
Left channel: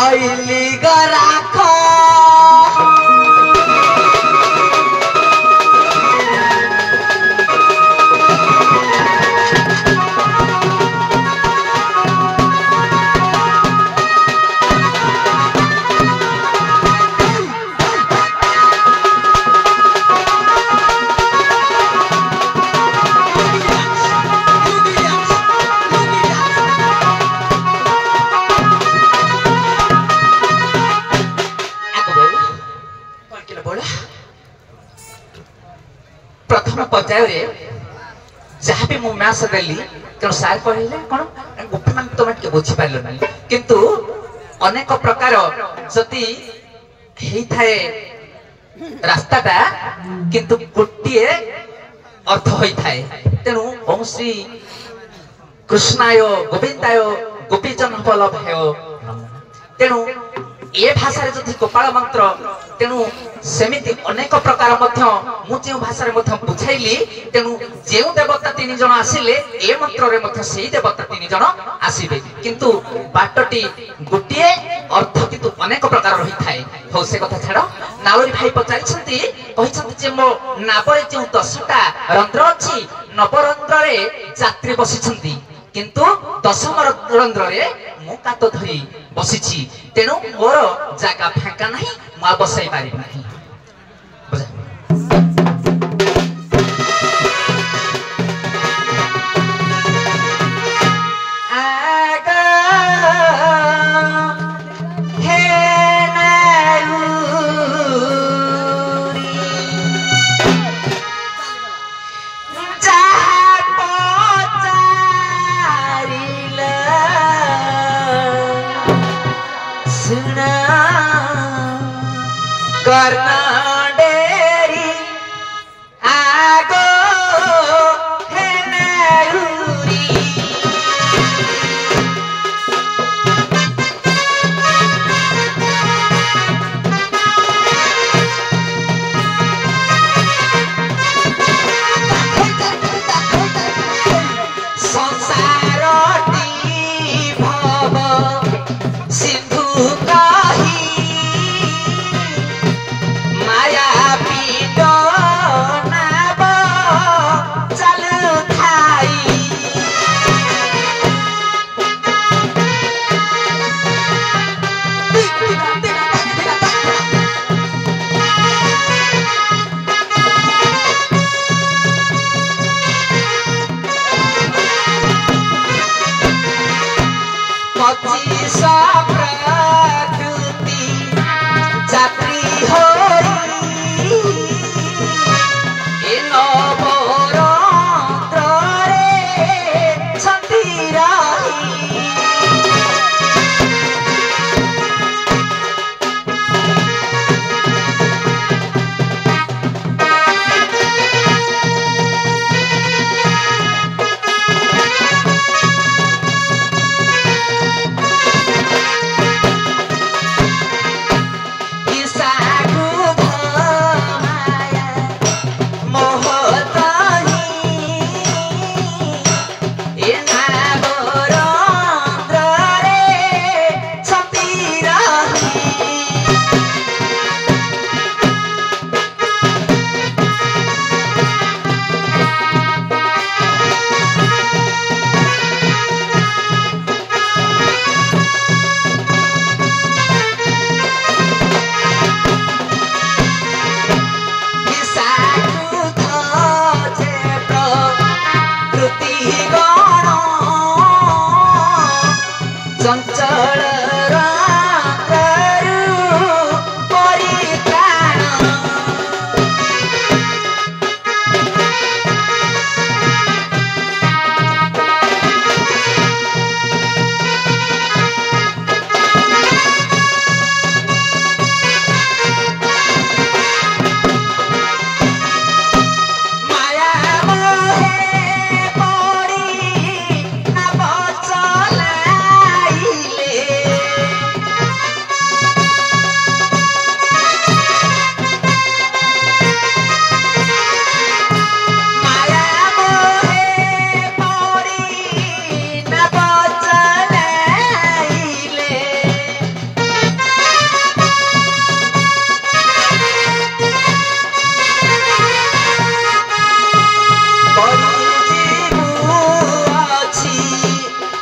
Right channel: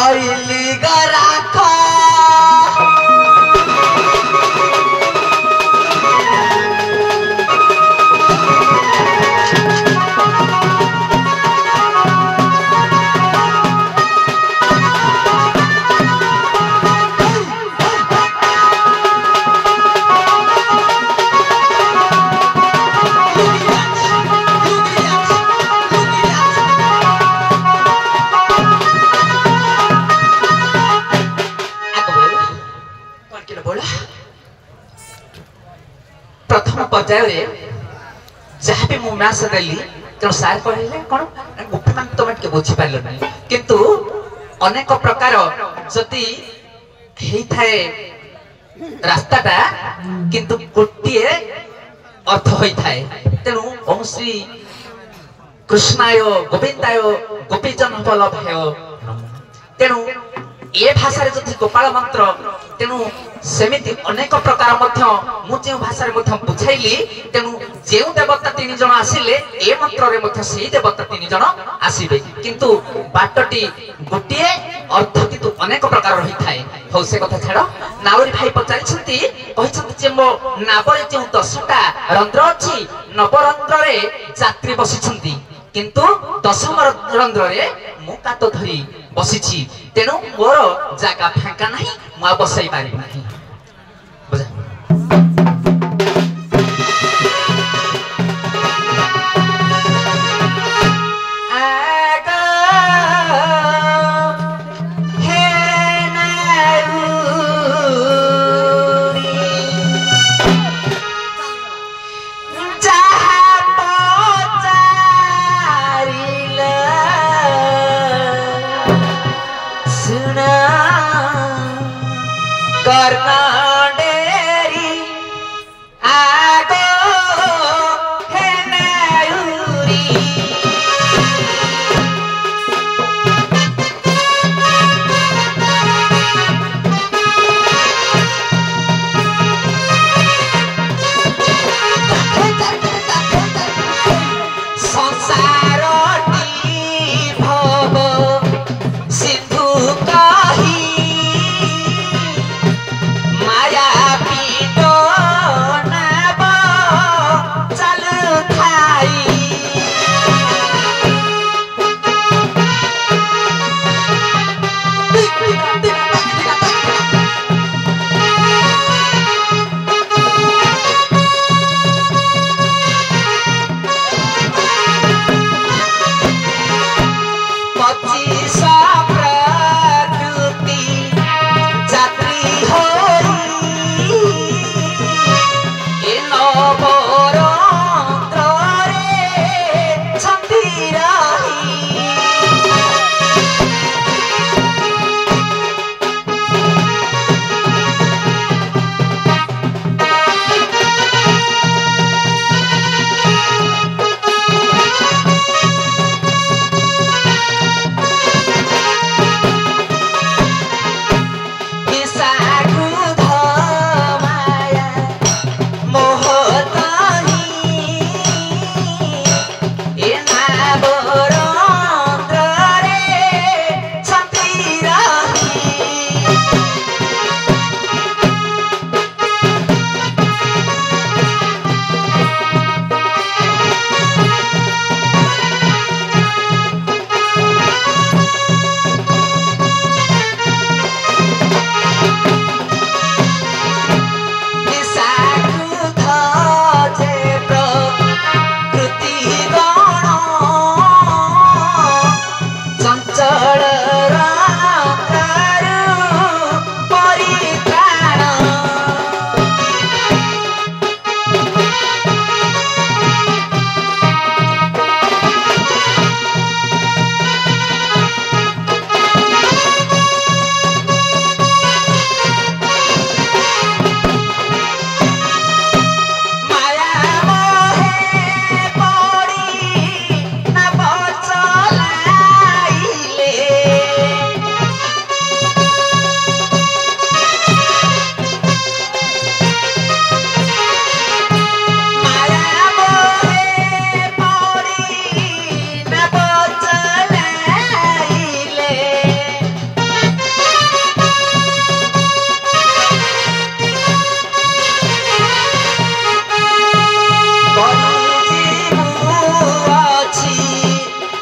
आइली गराखा प्रथम पर्याय जहाँ भी मु मैथ देली तेणु सार कहले कौन गोपी मान तुम टे बुझी पार किंतु अनेक प्रकार जदि थाए रास्ताटा किंतु गोटे अर्थ होता है तेणु ओम श्री कृष्णाय गोविंदाय गोपीजन वल्लभाय तेणु ए भाषा जदि गोपाल मंत्र तेणु सेमिति अनेक प्रकार मु भाषा बुझाइली तेणु जो देवता तीन जन आसिले ए मंत्र से देवता तीन जन आसबे किंतु बाटटी गोटे अर्थ किंतु अनेक प्रकार रही थाए हो से कथा छाड़ नावरी भाई पचारि मो नावरे जो 10टा रंध्र अच्छी नवरंध्र यात्री बसी किंतु 10म रंध्र मु कात धरी बसी तेणु मोर जागा फांका नहीं मुआ बसई पारि नहीं कर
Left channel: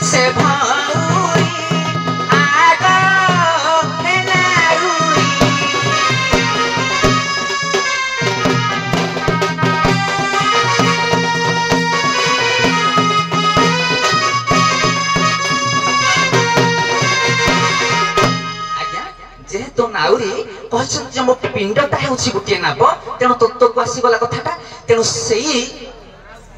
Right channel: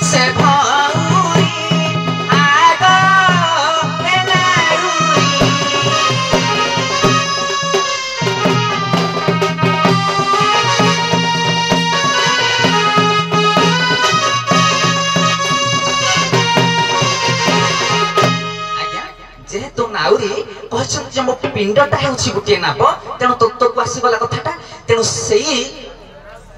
से भाउरी आगयो एलारुरी जेहेतु नाउरी कहछन जे मो पिंडटा हेउछि गुटे नाब तेणु तत्वको आसीगला कथाटा तेणु सेई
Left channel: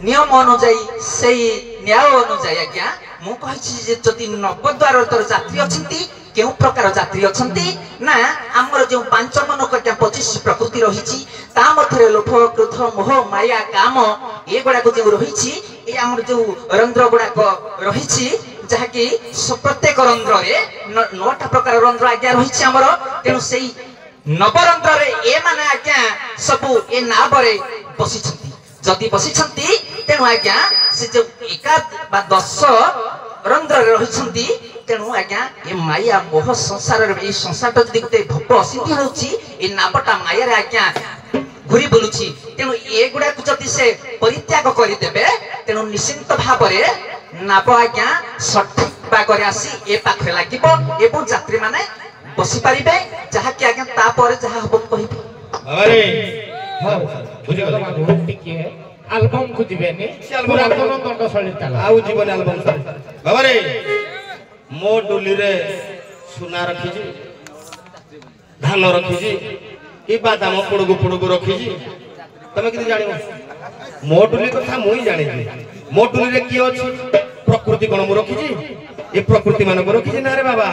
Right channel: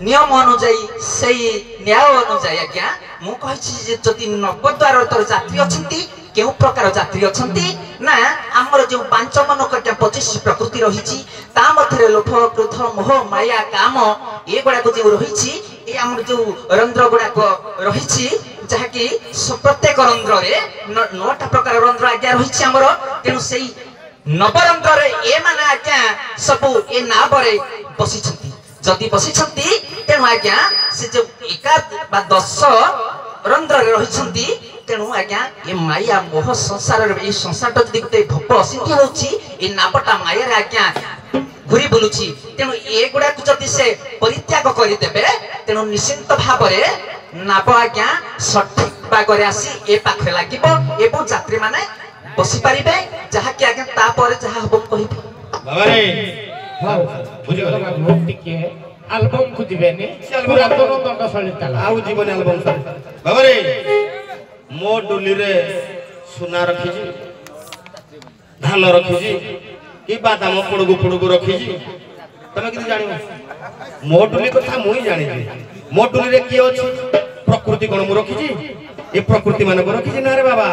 नियम अनुଯାयी सेई न्याय अनुଯାयी आज्ञा मु कहछि जे जति नवद्वार तर यात्री अछंती केउ प्रकार यात्री अछंती ना हमर जे पांच मनक के 25 प्रकृति रहिछि ता मथरे लोभ क्रोध मोह माया काम ए गुडा को जे रहिछि ए हमर जे रंध्र गुडा को रहिछि जहा कि प्रत्येक रंध्र रे 9टा प्रकार रंध्र आज्ञा रहिछि हमर तेनु सेई नवरंध्र रे ए माने आज्ञा सबु ए नाबरे बसिछंती जदि बसिछंती तेनु आज्ञा से जे 1 बा 10 रंध्र रे रहिछंती तेणु आज्ञा ए माया मोह संसार ए संसार जदि गुटे भप असिंधी होछि ए नाबटा माया रे आज्ञा घुरी बुलुछि तेणु ए गुडा को जदि से परित्याग करि देबे तेणु निश्चित भाबरे नाब आज्ञा सठिक बागरे आसी ए पाखे लागिबो एवं यात्री माने बसि पारिबे जहा कि आज्ञा ता परे जहा हबो कहिबे बाबा रे हां बुझि गला बहुत टिके एल्बम को दिबेनी पूरा दोनो दंडशाली ताला आउ जीवन एल्बम सर बाबा रे मो डुली रे सुना रखिजी धान रखिजी कि बादाम पुड़गु रखिजी तमे किति जानिबो मो डुली कथा मुई जानिजी मो डुली रे की अछि प्रकृति कोन मु रखिजी ए प्रकृति माने को रखिजी ना रे बाबा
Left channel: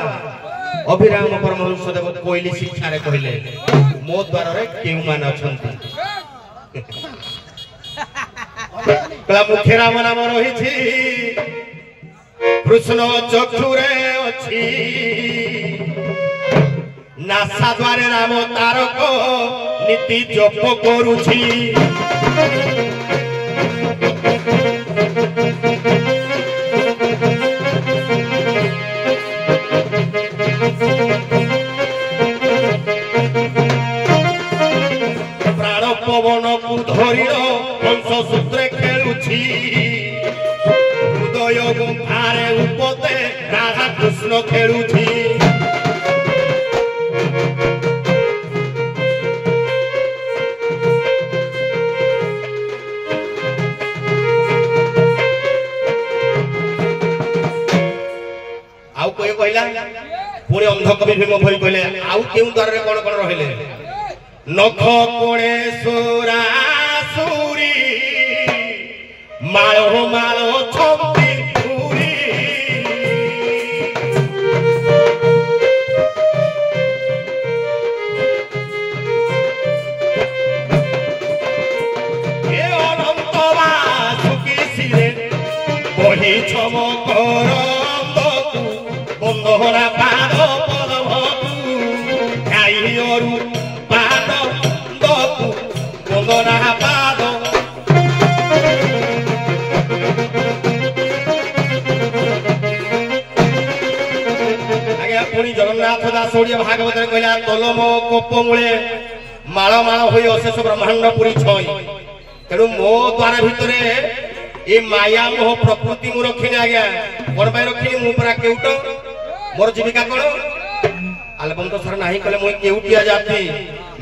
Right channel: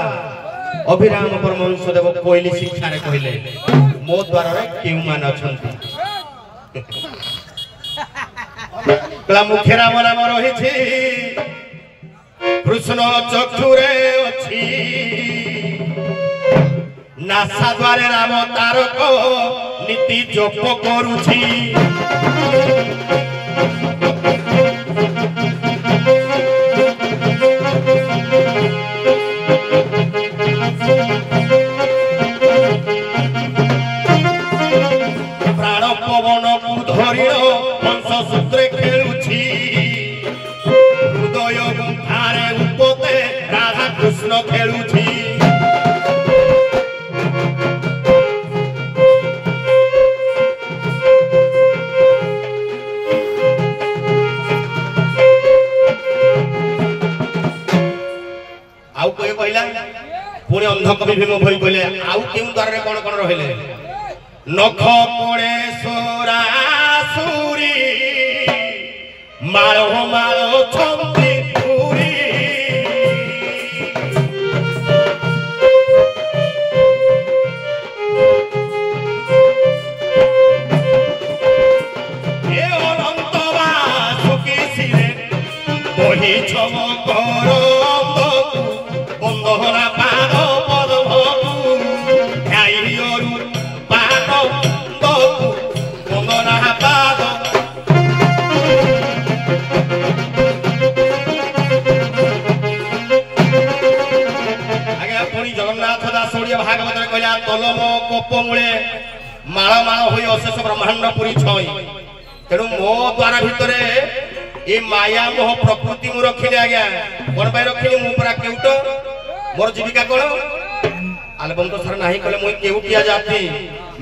अभिराम परमहंस देव कोइली शिक्षा रे कहिले मो द्वार रे केउ मान अछंती कला मुखे राम नाम रहिछि कृष्ण चक्षुरे अछि नासा द्वारे राम तारक नीति जप करूछि प्राण पवन को धरियो हंस सूत्रे खेलुछि हृदय गुंफारे उपते राधा कृष्ण खेलुछि आउ कोई कहला पुणी अंधकवि भीम भई कहले आउ केउ द्वार रे कोन कोन रहिले नख कोणे सोरासुरी माळो माळो छंती पुरी ए अनंत वासुकी सिरे बही चमकर बंदहरा पाद पदभू गाइरु पाद दकु बंदना पाद आगे पुणी जगन्नाथ दास ओडिया भागवत रे कहला कलम कोप मूले माळ माळ होई अशेष ब्रह्मांड पुरी छई तेणु मो द्वारा भितरे ए माया मोह प्रकृति मु रखिले आज्ञा कोन पाई रखिले मु परा केउट मोर जीविका कोन एल्बम तो सर नाही कले मु केउटिया जाति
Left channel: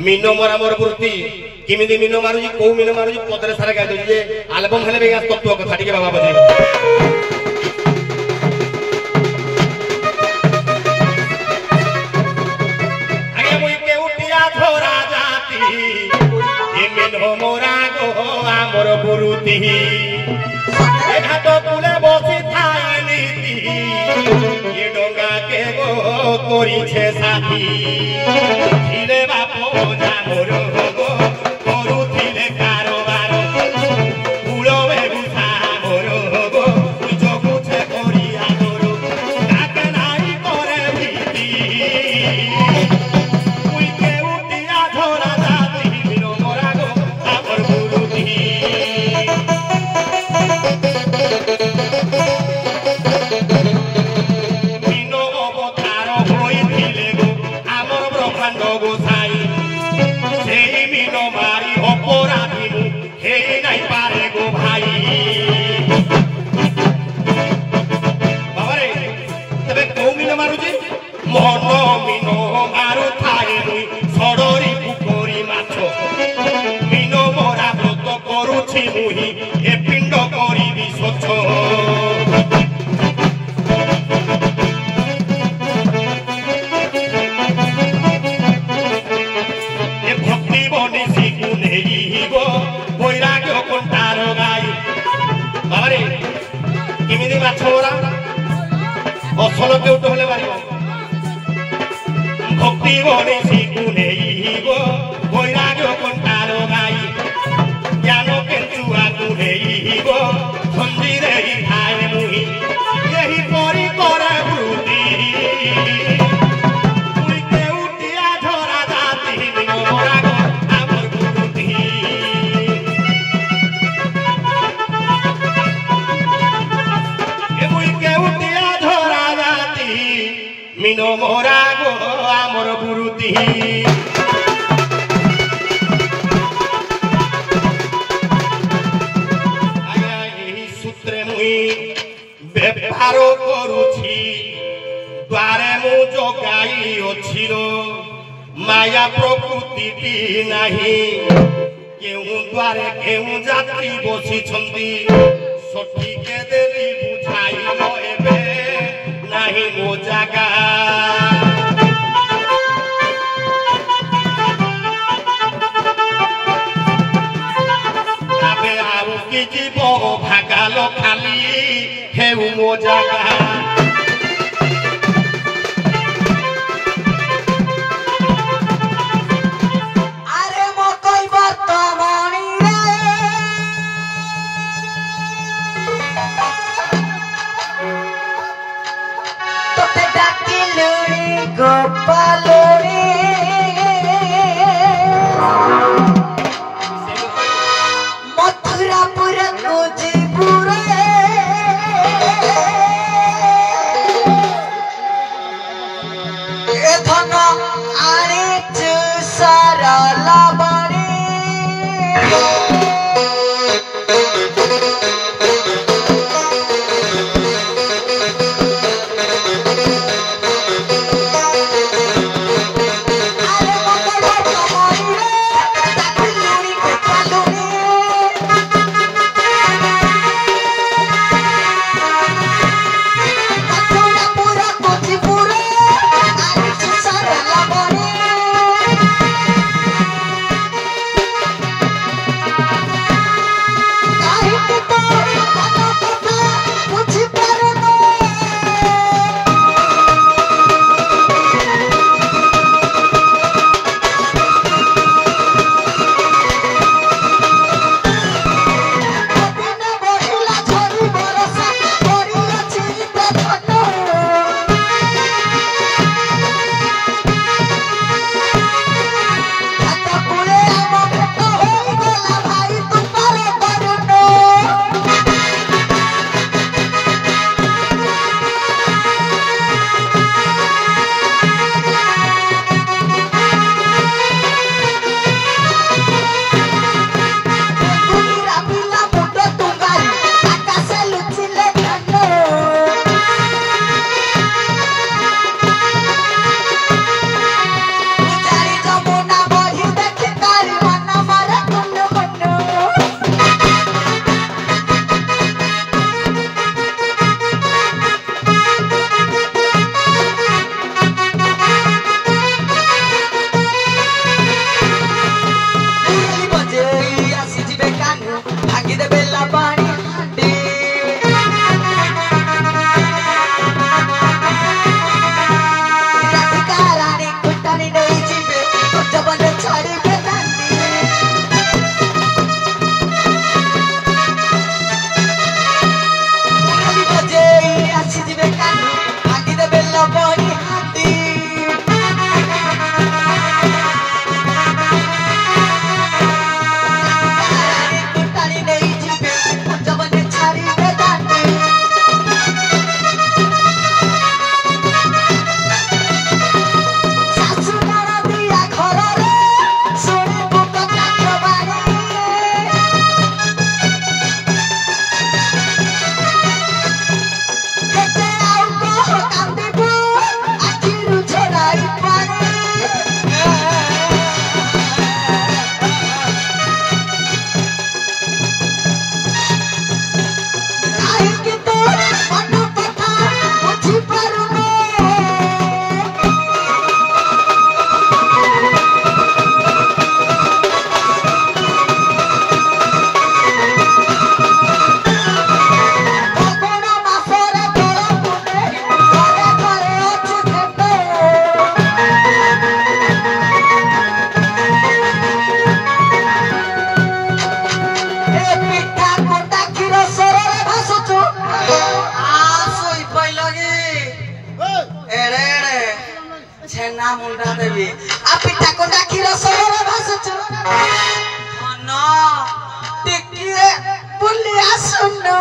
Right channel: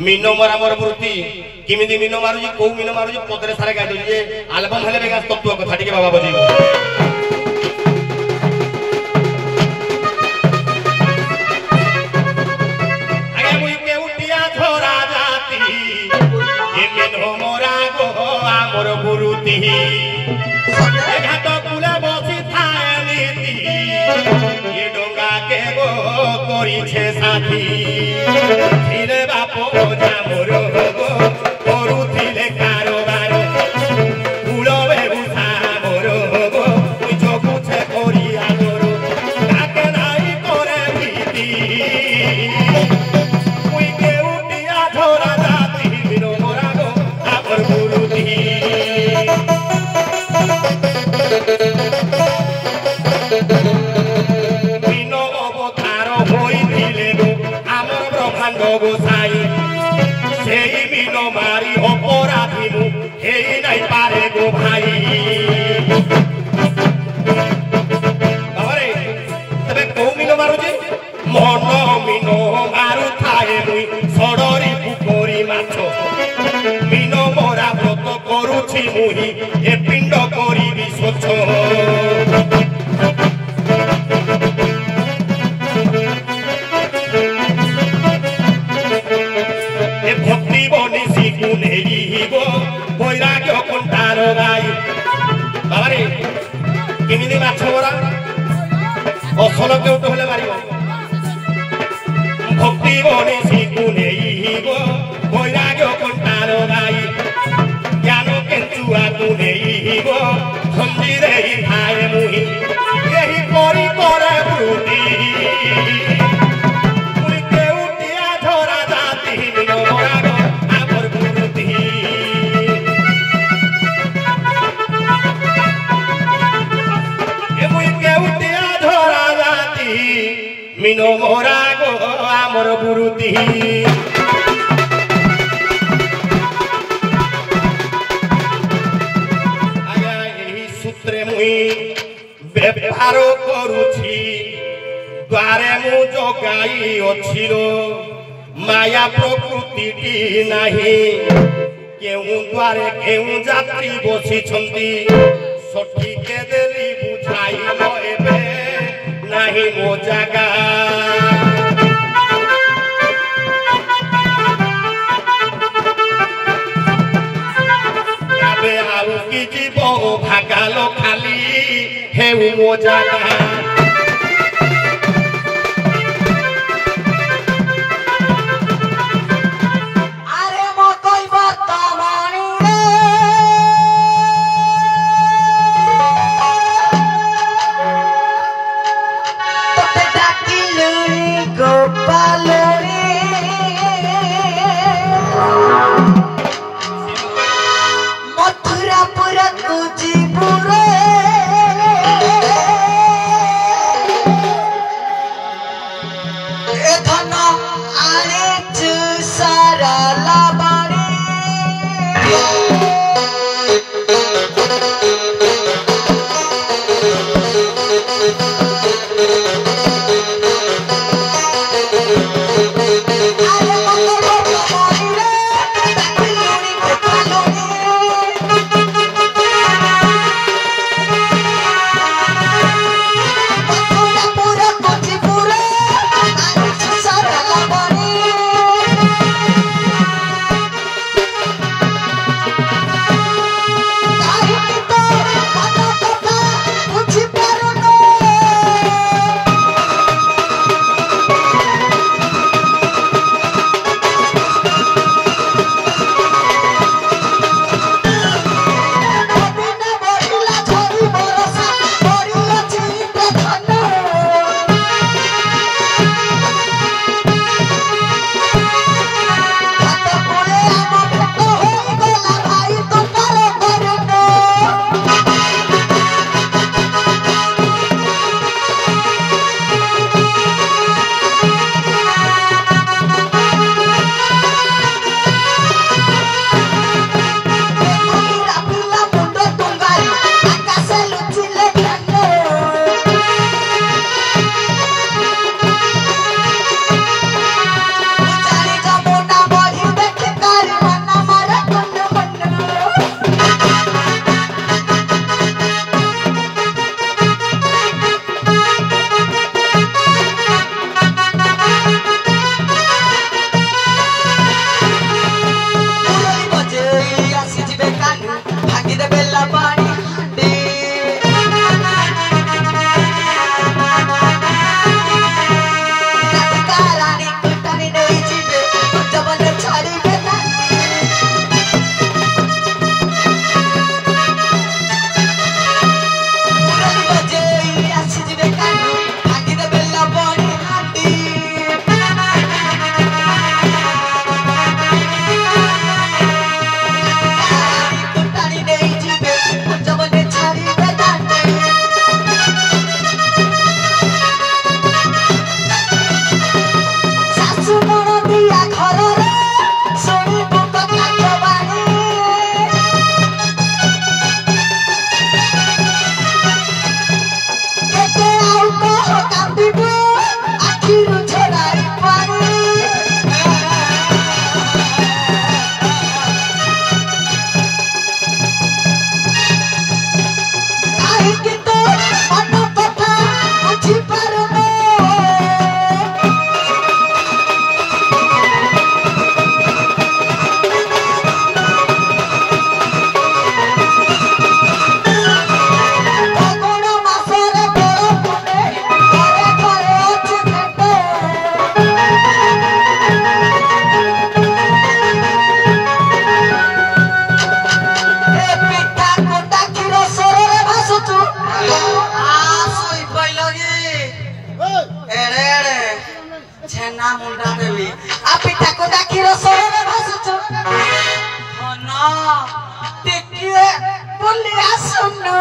मीनो मरा मोर वृत्ति किमिदी मीनो मारुजी को मीनो मारुजी पदरे सारा गाय दो जे एल्बम हेले बेगा तत्व कथा टिके बाबा बजे आगे मु केउटिया थोरा जाति ए मीनो मोरा गो आमर वृत्ति घाट कुले बसी थानीति ये डोंगा के गो करिछे साथी धीरे बाप जामर गो करुथिले कारोबार कुलवे बुझा मोर गो तुई जगुछे करिया मोर ताके नाही करे भीति तुई के उटिया धरा जाति बिनो मोरा गो आपर गुरुति बिनो अवतार होई दिले गो आमर ब्रह्मांड गोसाई सेई बिनो मारी अपराधी नु हेई नाही पारे गो भाई बाबा କେଉଁଠୁ ହେଲେ ବାରିବ ଭକ୍ତି ଗଣେଶୀକୁ ନେଇବ ବୈରାଗ୍ୟ କଣ୍ଟାର ଗାଈ ଜ୍ଞାନ କେଞ୍ଚୁଆକୁ ନେଇବ ଖଞ୍ଜିରେ ଥାଏ ମୁହିଁ ଏହି ପରି କରେ ବୃତ୍ତି ମୁଇଁ କେଉଁଟିଆ ଝରା ଜାତି ବିନୋରାଗ ଆମର ବୃତ୍ତି মুই কেউটিয়া ঝরা জাতি মিনো মোরা গো আমার বুরুতি আজ্ঞা এই সূত্রে মুই ব্যবহার করুছি দ্বারে মু জগাই অছির মায়া প্রকৃতিটি নাহি কেউ দ্বারে কেউ যাত্রী বসিছন্তি সঠিকে দেলি বুঝাইল এবে নাহি মো জাগা তবে আউ কি জীব ভাগাল খালি হেউ মো জাগা छेना मुंडा देवी आ पिठा को डाकी रसोरे भास चढ़ ना टिकिए पुलिया सुनो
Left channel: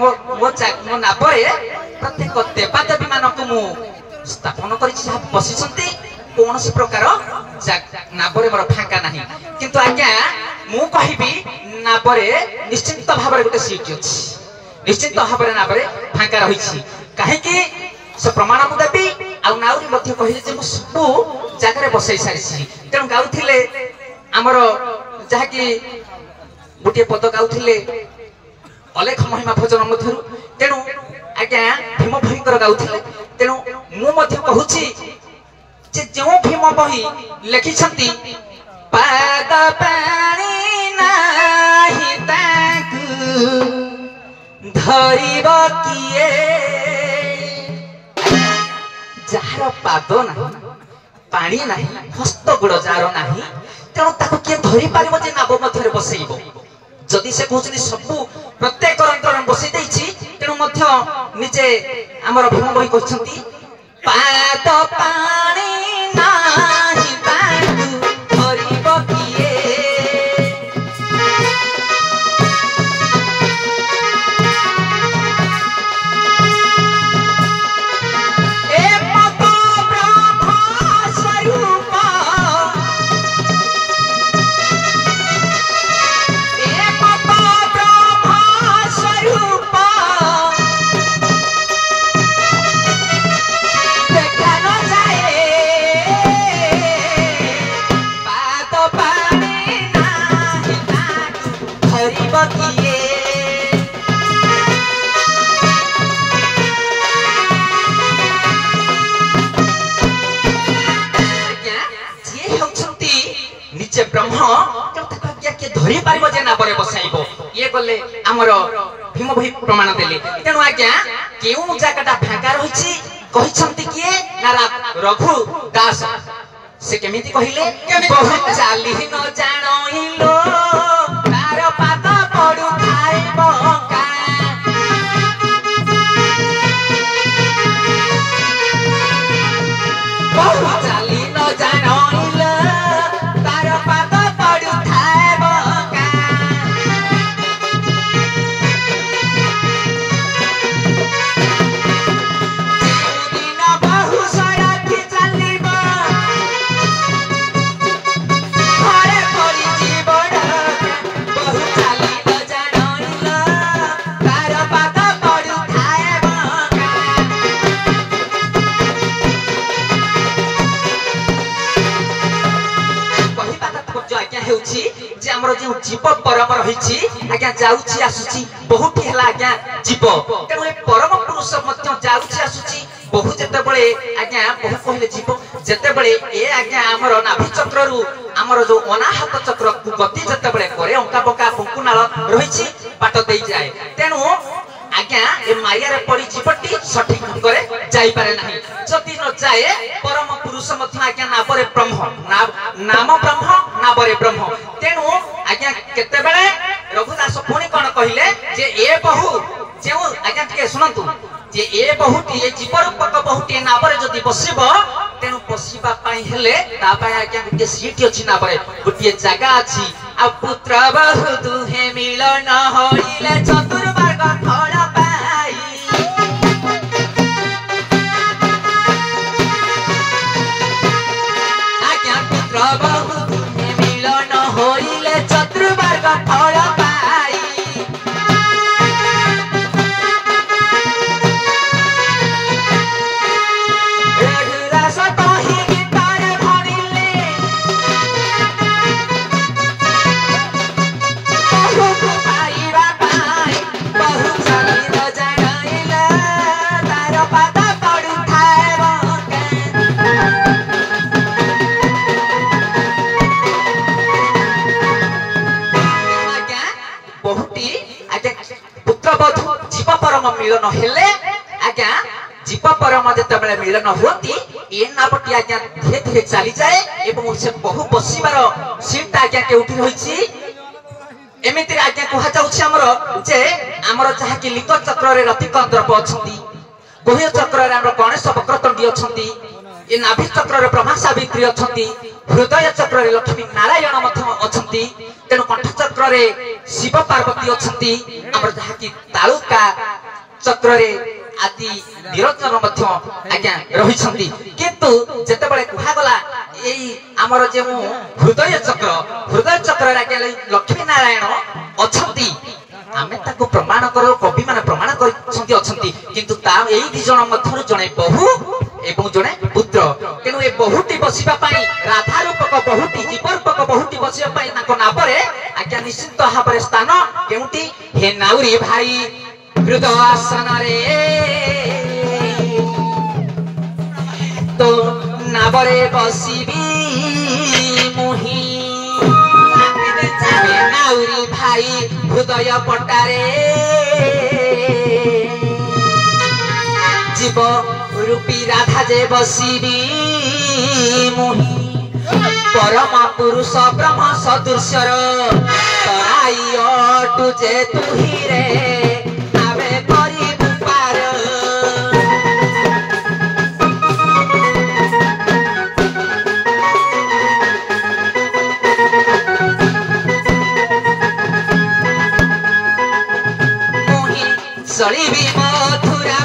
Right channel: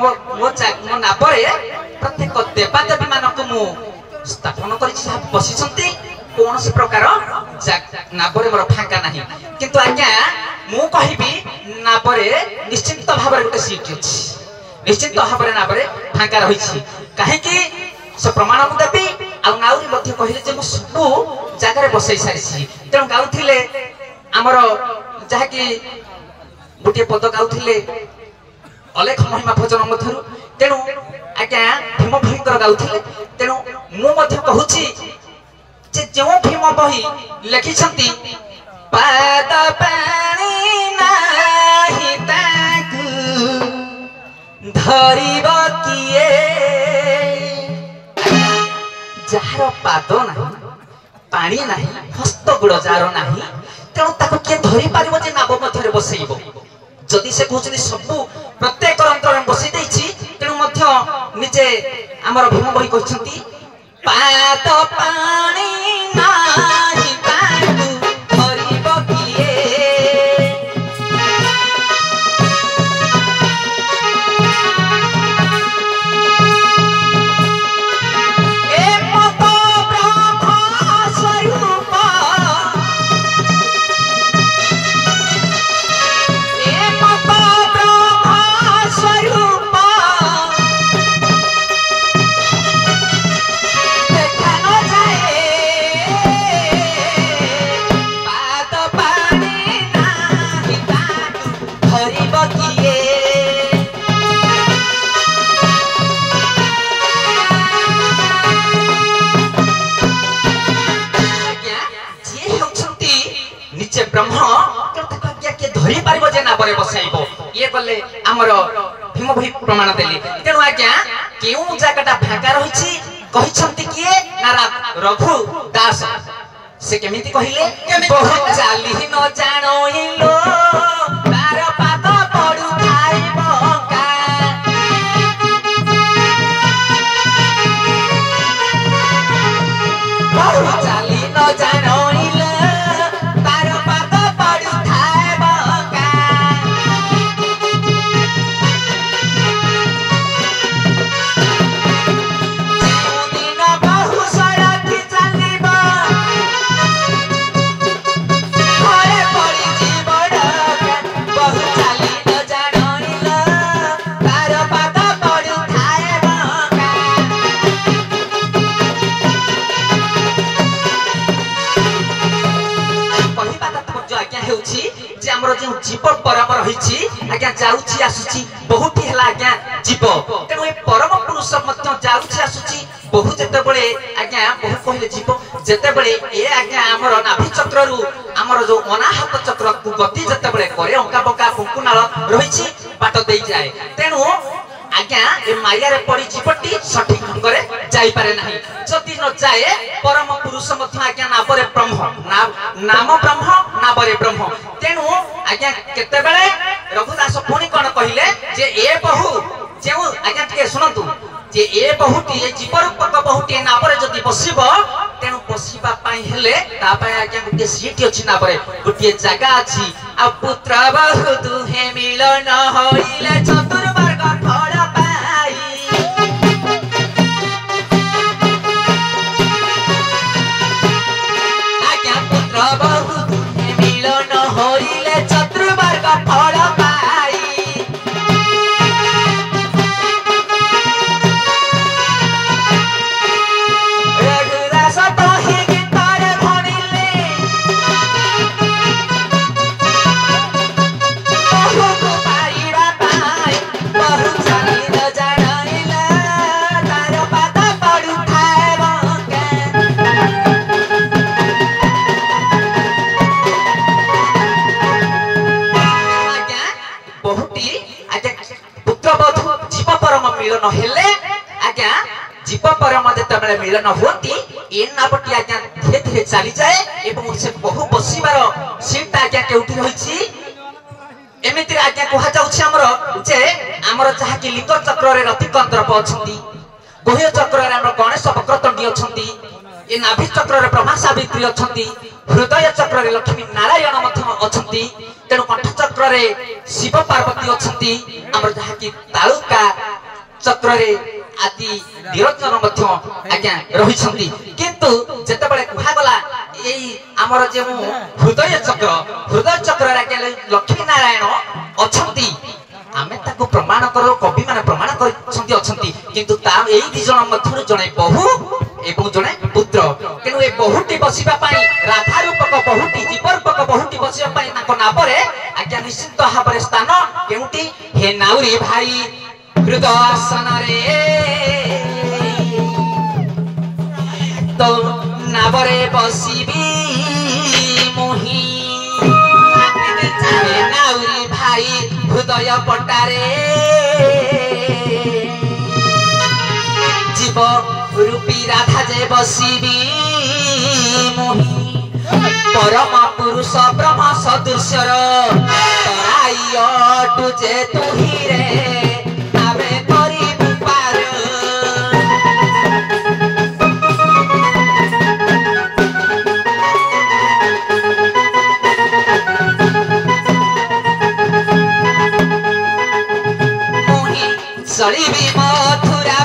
मो नाबरे प्रत्येक देवादेवी मानक मु स्थापन करिछि बसिसंती कोनोसी प्रकार नाबरे मोर फांका नाही किंतु आज्ञा मु कहिबी नाबरे निश्चित भाबरे गोटे सीट अछि निश्चित भाबरे नाबरे फांका रहिछि काहे कि से प्रमाण को देबी आ नाउरी मध्ये कहिले जे मु सब जगह रे बसै सारिछि तेन गाउथिले हमर जहा कि गोटे पद गाउथिले अलेख महिमा भजन मध्यरु तेणु आज्ञा भीम भयंकर गाउथिले तेणु मु मध्य कहूची जे जो भीम बही लिखिछंती पाद पानी नाही ताकू धरिब किए जार पाद नाही पानी नाही हस्त गुड़ जार नाही तेणु ताकू के धरि पारिबो जे नाब मध्यरे बसैबो जदि से कहउछनी सब प्रत्येक अंतर बसि दैछि तेणु मध्य निजे हमर भीम बही कहछंती पाद पानी नाही ताकू धरिब किए ए पद ब्रह्म स्वरूप ब्रह्म के धरि पारिबो जे नाबरे बसाइबो ये गले हमर भीम भई प्रमाण देले तेनु आज्ञा केउ जागाटा फाका रहिछि कहिसंती किए नारा रघु दास से केमिति कहिले बहुत चाली न जानो तार पाद पडु खाइ बका बहुत चाली न जानो जीव परम रही आज्ञा जाउची आसुची बहुत हेला आज्ञा जीव तेणु ए परम पुरुष मध्य जाउची आसुची बहुत जते बळे आज्ञा बहुत कहले जीव जते बळे ए आज्ञा हमर नाभि चक्र रु हमर जो अनाहत चक्र को गति जते बळे करे अंका बका फुकुनाळ रहिछि बाट देई जाय तेणु आज्ञा ए माया रे पड़ी जीवटी सठिक ढंग रे जाई पारे नाही जति न जाए परम पुरुष मध्य आज्ञा नाबरे ब्रह्म नाम ब्रह्म नाबरे ब्रह्म तेणु आज्ञा केते बेले रघुदास पुणी कोन कहिले जे ए बहु जेउ आज्ञा के सुनंतु जे ए बहुटी ए जीव रूपक बहुटी नाबरे जति बसिबो तेणु बसिबा पई हेले ता पई आज्ञा गुटे सीट अछि नाबरे गुटे जगह अछि आ पुत्र बहु दुहे मिलन होइले चतुर्वर्ग थोड़ा पाई आज्ञा पुत्र बहु दुहे मिलन होइले ଯେତେବେଳେ ମିଳନ ହୁଅନ୍ତି ଏ ନାବଟି ଆଜ୍ଞା ଧୀରେ ଧୀରେ ଚାଲିଯାଏ ଏବଂ ସେ ବହୁ ବସିବାର ସିଟ୍ଟା ଆଜ୍ଞା କେଉଁଠି ରହିଛି ଏମିତିରେ ଆଜ୍ଞା କୁହାଯାଉଛି ଆମର ଯେ ଆମର ଯାହାକି ଲିକ ଚକ୍ରରେ ରତିକ ଦ୍ରବ ଅଛନ୍ତି, ଗୁହ୍ୟ ଚକ୍ରରେ ଆମର ଗଣେଶ ବକ୍ରତଣ୍ଡୀ ଅଛନ୍ତି, ଏ ନାଭି ଚକ୍ରରେ ବ୍ରହ୍ମା ସାବିତ୍ରୀ ଅଛନ୍ତି, ହୃଦୟ ଚକ୍ରରେ ଲକ୍ଷ୍ମୀ ନାରାୟଣ ମଧ୍ୟ ଅଛନ୍ତି, ତେଣୁ କଣ୍ଠ ଚକ୍ରରେ ଶିବ ପାର୍ବତୀ ଅଛନ୍ତି, ଆମର ଯାହାକି ତାଳୁକା ଚକ୍ରରେ ଆଦି ନିରଞ୍ଜନ ମଧ୍ୟ ଆଜ୍ଞା ରହିଛନ୍ତି। କିନ୍ତୁ ଯେତେବେଳେ କୁହାଗଲା ଏଇ ଆମର ଯେଉଁ ହୃଦୟ ଚକ୍ରରେ ଆଜ୍ଞା ଲକ୍ଷ୍ମୀ ନାରାୟଣ ଅଛନ୍ତି, ଆମେ ତାକୁ ପ୍ରମାଣ କରୁ, କବି ମାନେ ପ୍ରମାଣ କରିଛନ୍ତି ଅଛନ୍ତି, କିନ୍ତୁ ତା ଏଇ ଦି ଜଣ ମଧ୍ୟରୁ ଜଣେ ବହୁ ଏବଂ ଜଣେ ପୁତ୍ର। ତେଣୁ ଏ ବହୁଟି ବସିବା ପାଇଁ ରାଧା ରୂପକ ବହୁଟି ଜୀବ ରୂପକ ବହୁଟି ବସିବା ପାଇଁ ତାଙ୍କ ନାବରେ ଆଜ୍ଞା ନିଶ୍ଚିତ ଭାବରେ ସ୍ଥାନ କେଉଁଠି? ହେ ନାଉରୀ ଭାଇ ହୃଦୟ ଆସନରେ ତ ନାବରେ ବସିବି ମୁହିଁ, ନାଉରୀ ଭାଇ ହୃଦୟ ପଟାରେ জীব রূপী রাধা যে বসিবি মুহি, পরম পুরুষ ব্রহ্ম সদৃশ্যর তরাই অটু যে তুহি রে তবে করিবু পার। মুহি চলিবি মথুরা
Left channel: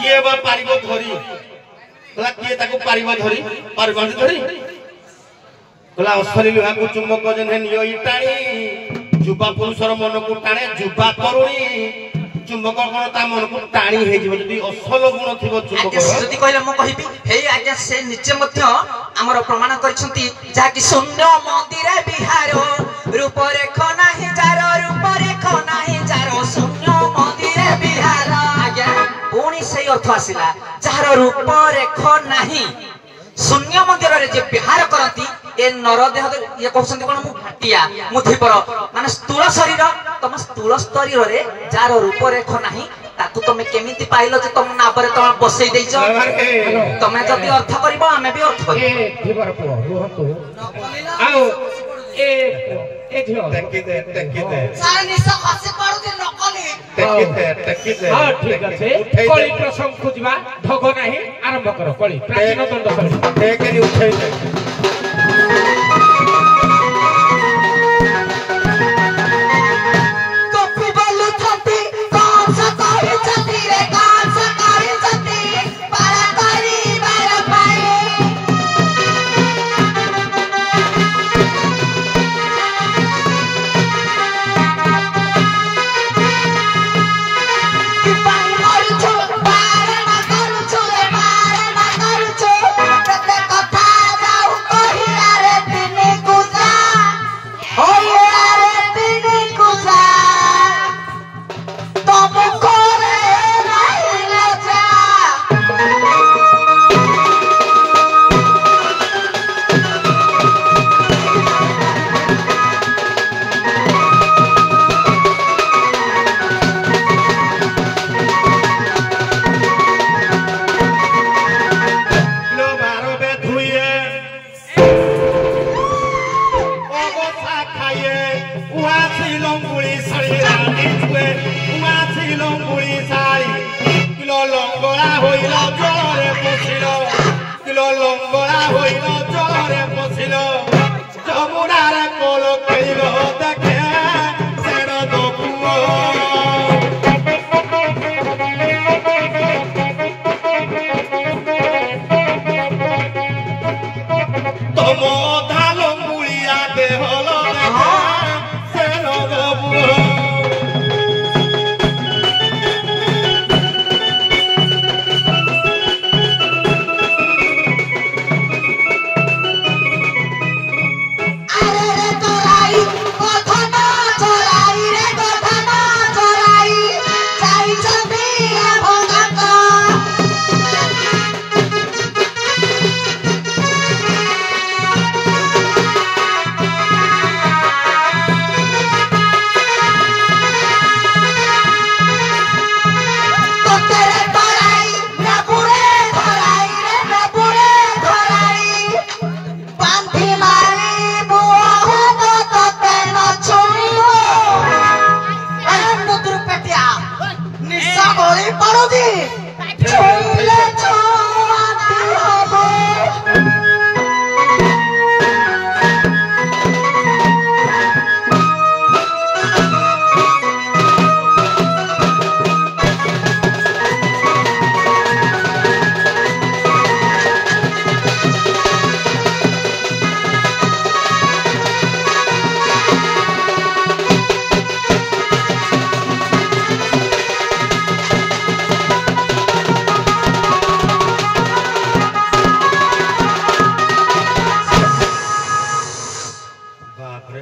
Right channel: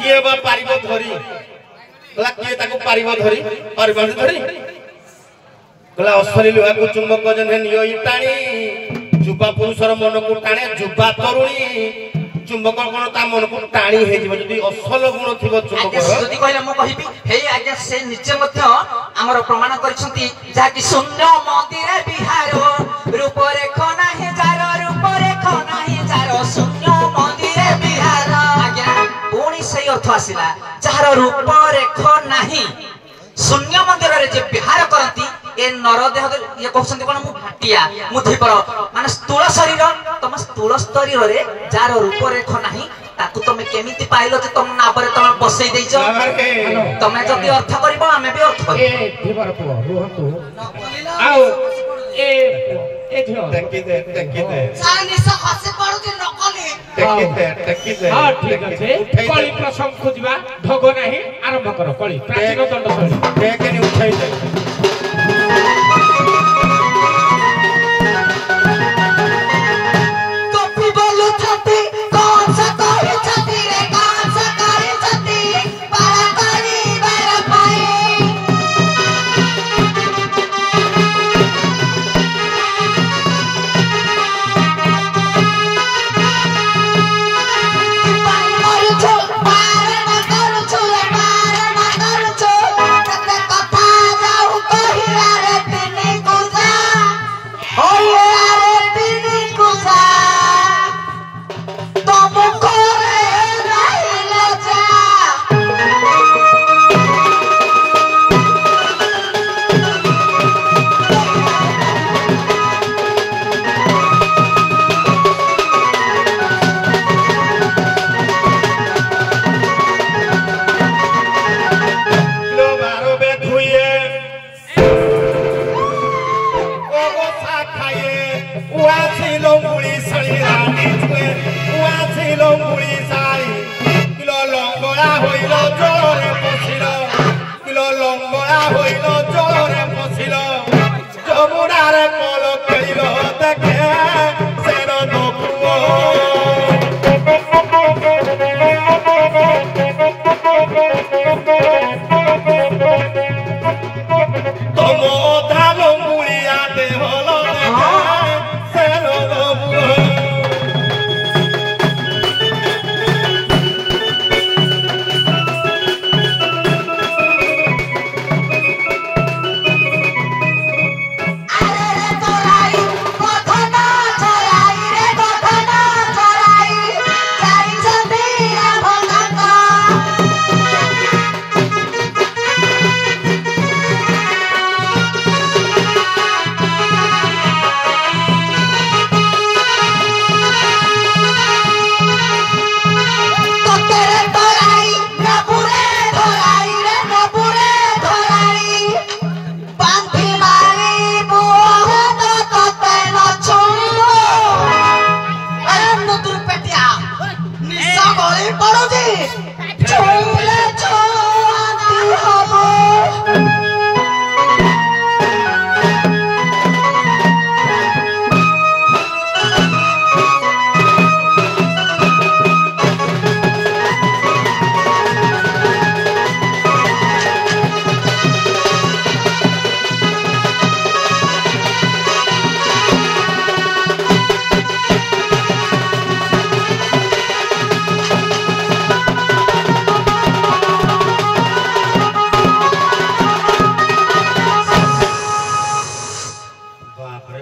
किए बा पारिबो धरी बला किए ताको पारिबो धरी पारिबो धरी बला असली लोहा को चुंबक जने नियो इटाणी जुबा पुरुषर मन को टाणे जुबा तरुणी चुंबक कोन ता मन को टाणी हे जिवो जदी असल गुण थिबो चुंबक जदी कहले म कहिबी हे आज्ञा से निचे मध्य हमर प्रमाण करिसंती जा कि शून्य मंदिरे बिहार रूप रेख नाही जार रूप रेख नाही जार शून्य मंदिरे बिहार आज्ञा पुणी से अर्थ आसिला जार रूप रेख नाही शून्य मंदिर रे जे बिहार करती ए नरदेह ये कहउसंती कोन मु घाटिया मु धीपर माने स्थूल शरीर तम स्थूल शरीर रे जार रूप रेख नाही ताकू तमे केमिति पाइलो जे तम नाबरे तम बसई देइछो तमे जदी अर्थ करबो हमें भी अर्थ ए धीपर पुओ रोहतु आओ ए झियो टकी दे चाइनीस हसी पडुती नकली टकी दे हां ठीक আছে কলি প্রসঙ্গ খুঁজবা ঢগ নাই আরম্ভ করো কলি প্রাচীন দণ্ড শৈলী টেকেনি উঠাই দে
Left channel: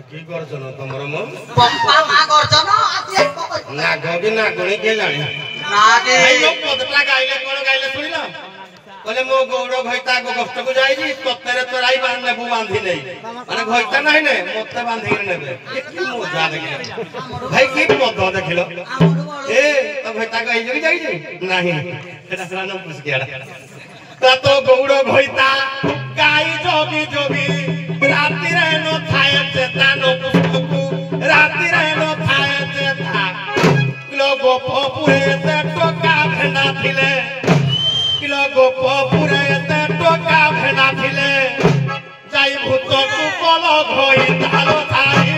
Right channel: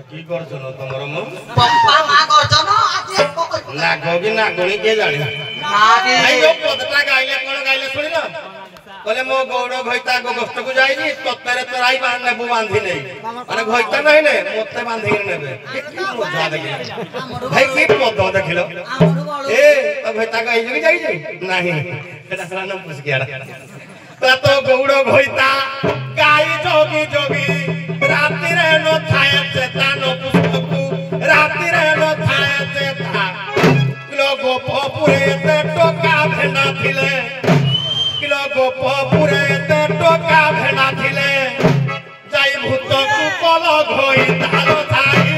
কি করছন তোমার মো বাবা মা গর্জন আজ নাগ কি নাগুনি কে জানি নাগে ভাই ও পদটা গাইলে কোন গাইলে শুনি না বলে মো গৌড় ঘইতা গো কষ্টকু যাইনি তত্তেরে তোরাই বান নেবু বাঁধি নেই মানে ঘইতা নাই নে মতে বাঁধি নেবে কি মজা দেখি ভাই কি পদ দেখিলো এ তো ঘইতা গাই যাই নাই এটা সারা নাম পুছ গিয়া তা তো গৌড় ঘইতা গাই যোগী যোগী রাতিরে ন থায়ে চেতা ন পুস্তকু রাতিরে ন থায়ে চেতা কিলো গোপুরে তে টোকা ভেনা থিলে কিলো গোপুরে তে টোকা ভেনা থিলে যাই ভূত কুপল ঘইতা থাই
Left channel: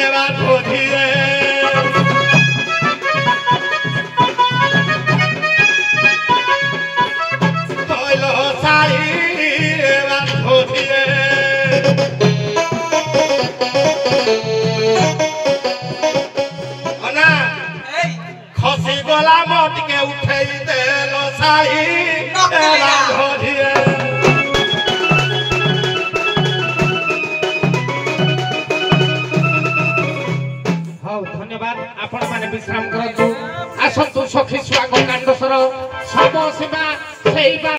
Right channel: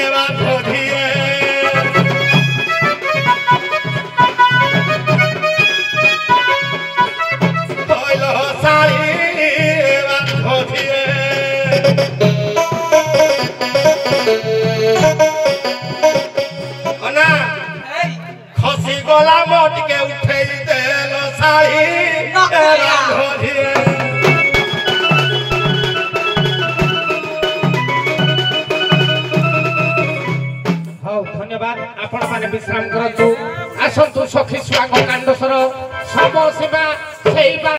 এবা ধরিয়ে তৈল সাই এবা ধরিয়ে অনা খসি গলা মটকে উঠেই দেল সাই এবা ধরিয়ে ହଉ ଧନ୍ୟବାଦ ଆପଣମାନେ ବିଶ୍ରାମ କରନ୍ତୁ ଆସନ୍ତୁ ସଖୀ ସୁଆଗ କାଣ୍ଡସର ସମସୀମା ସେଇ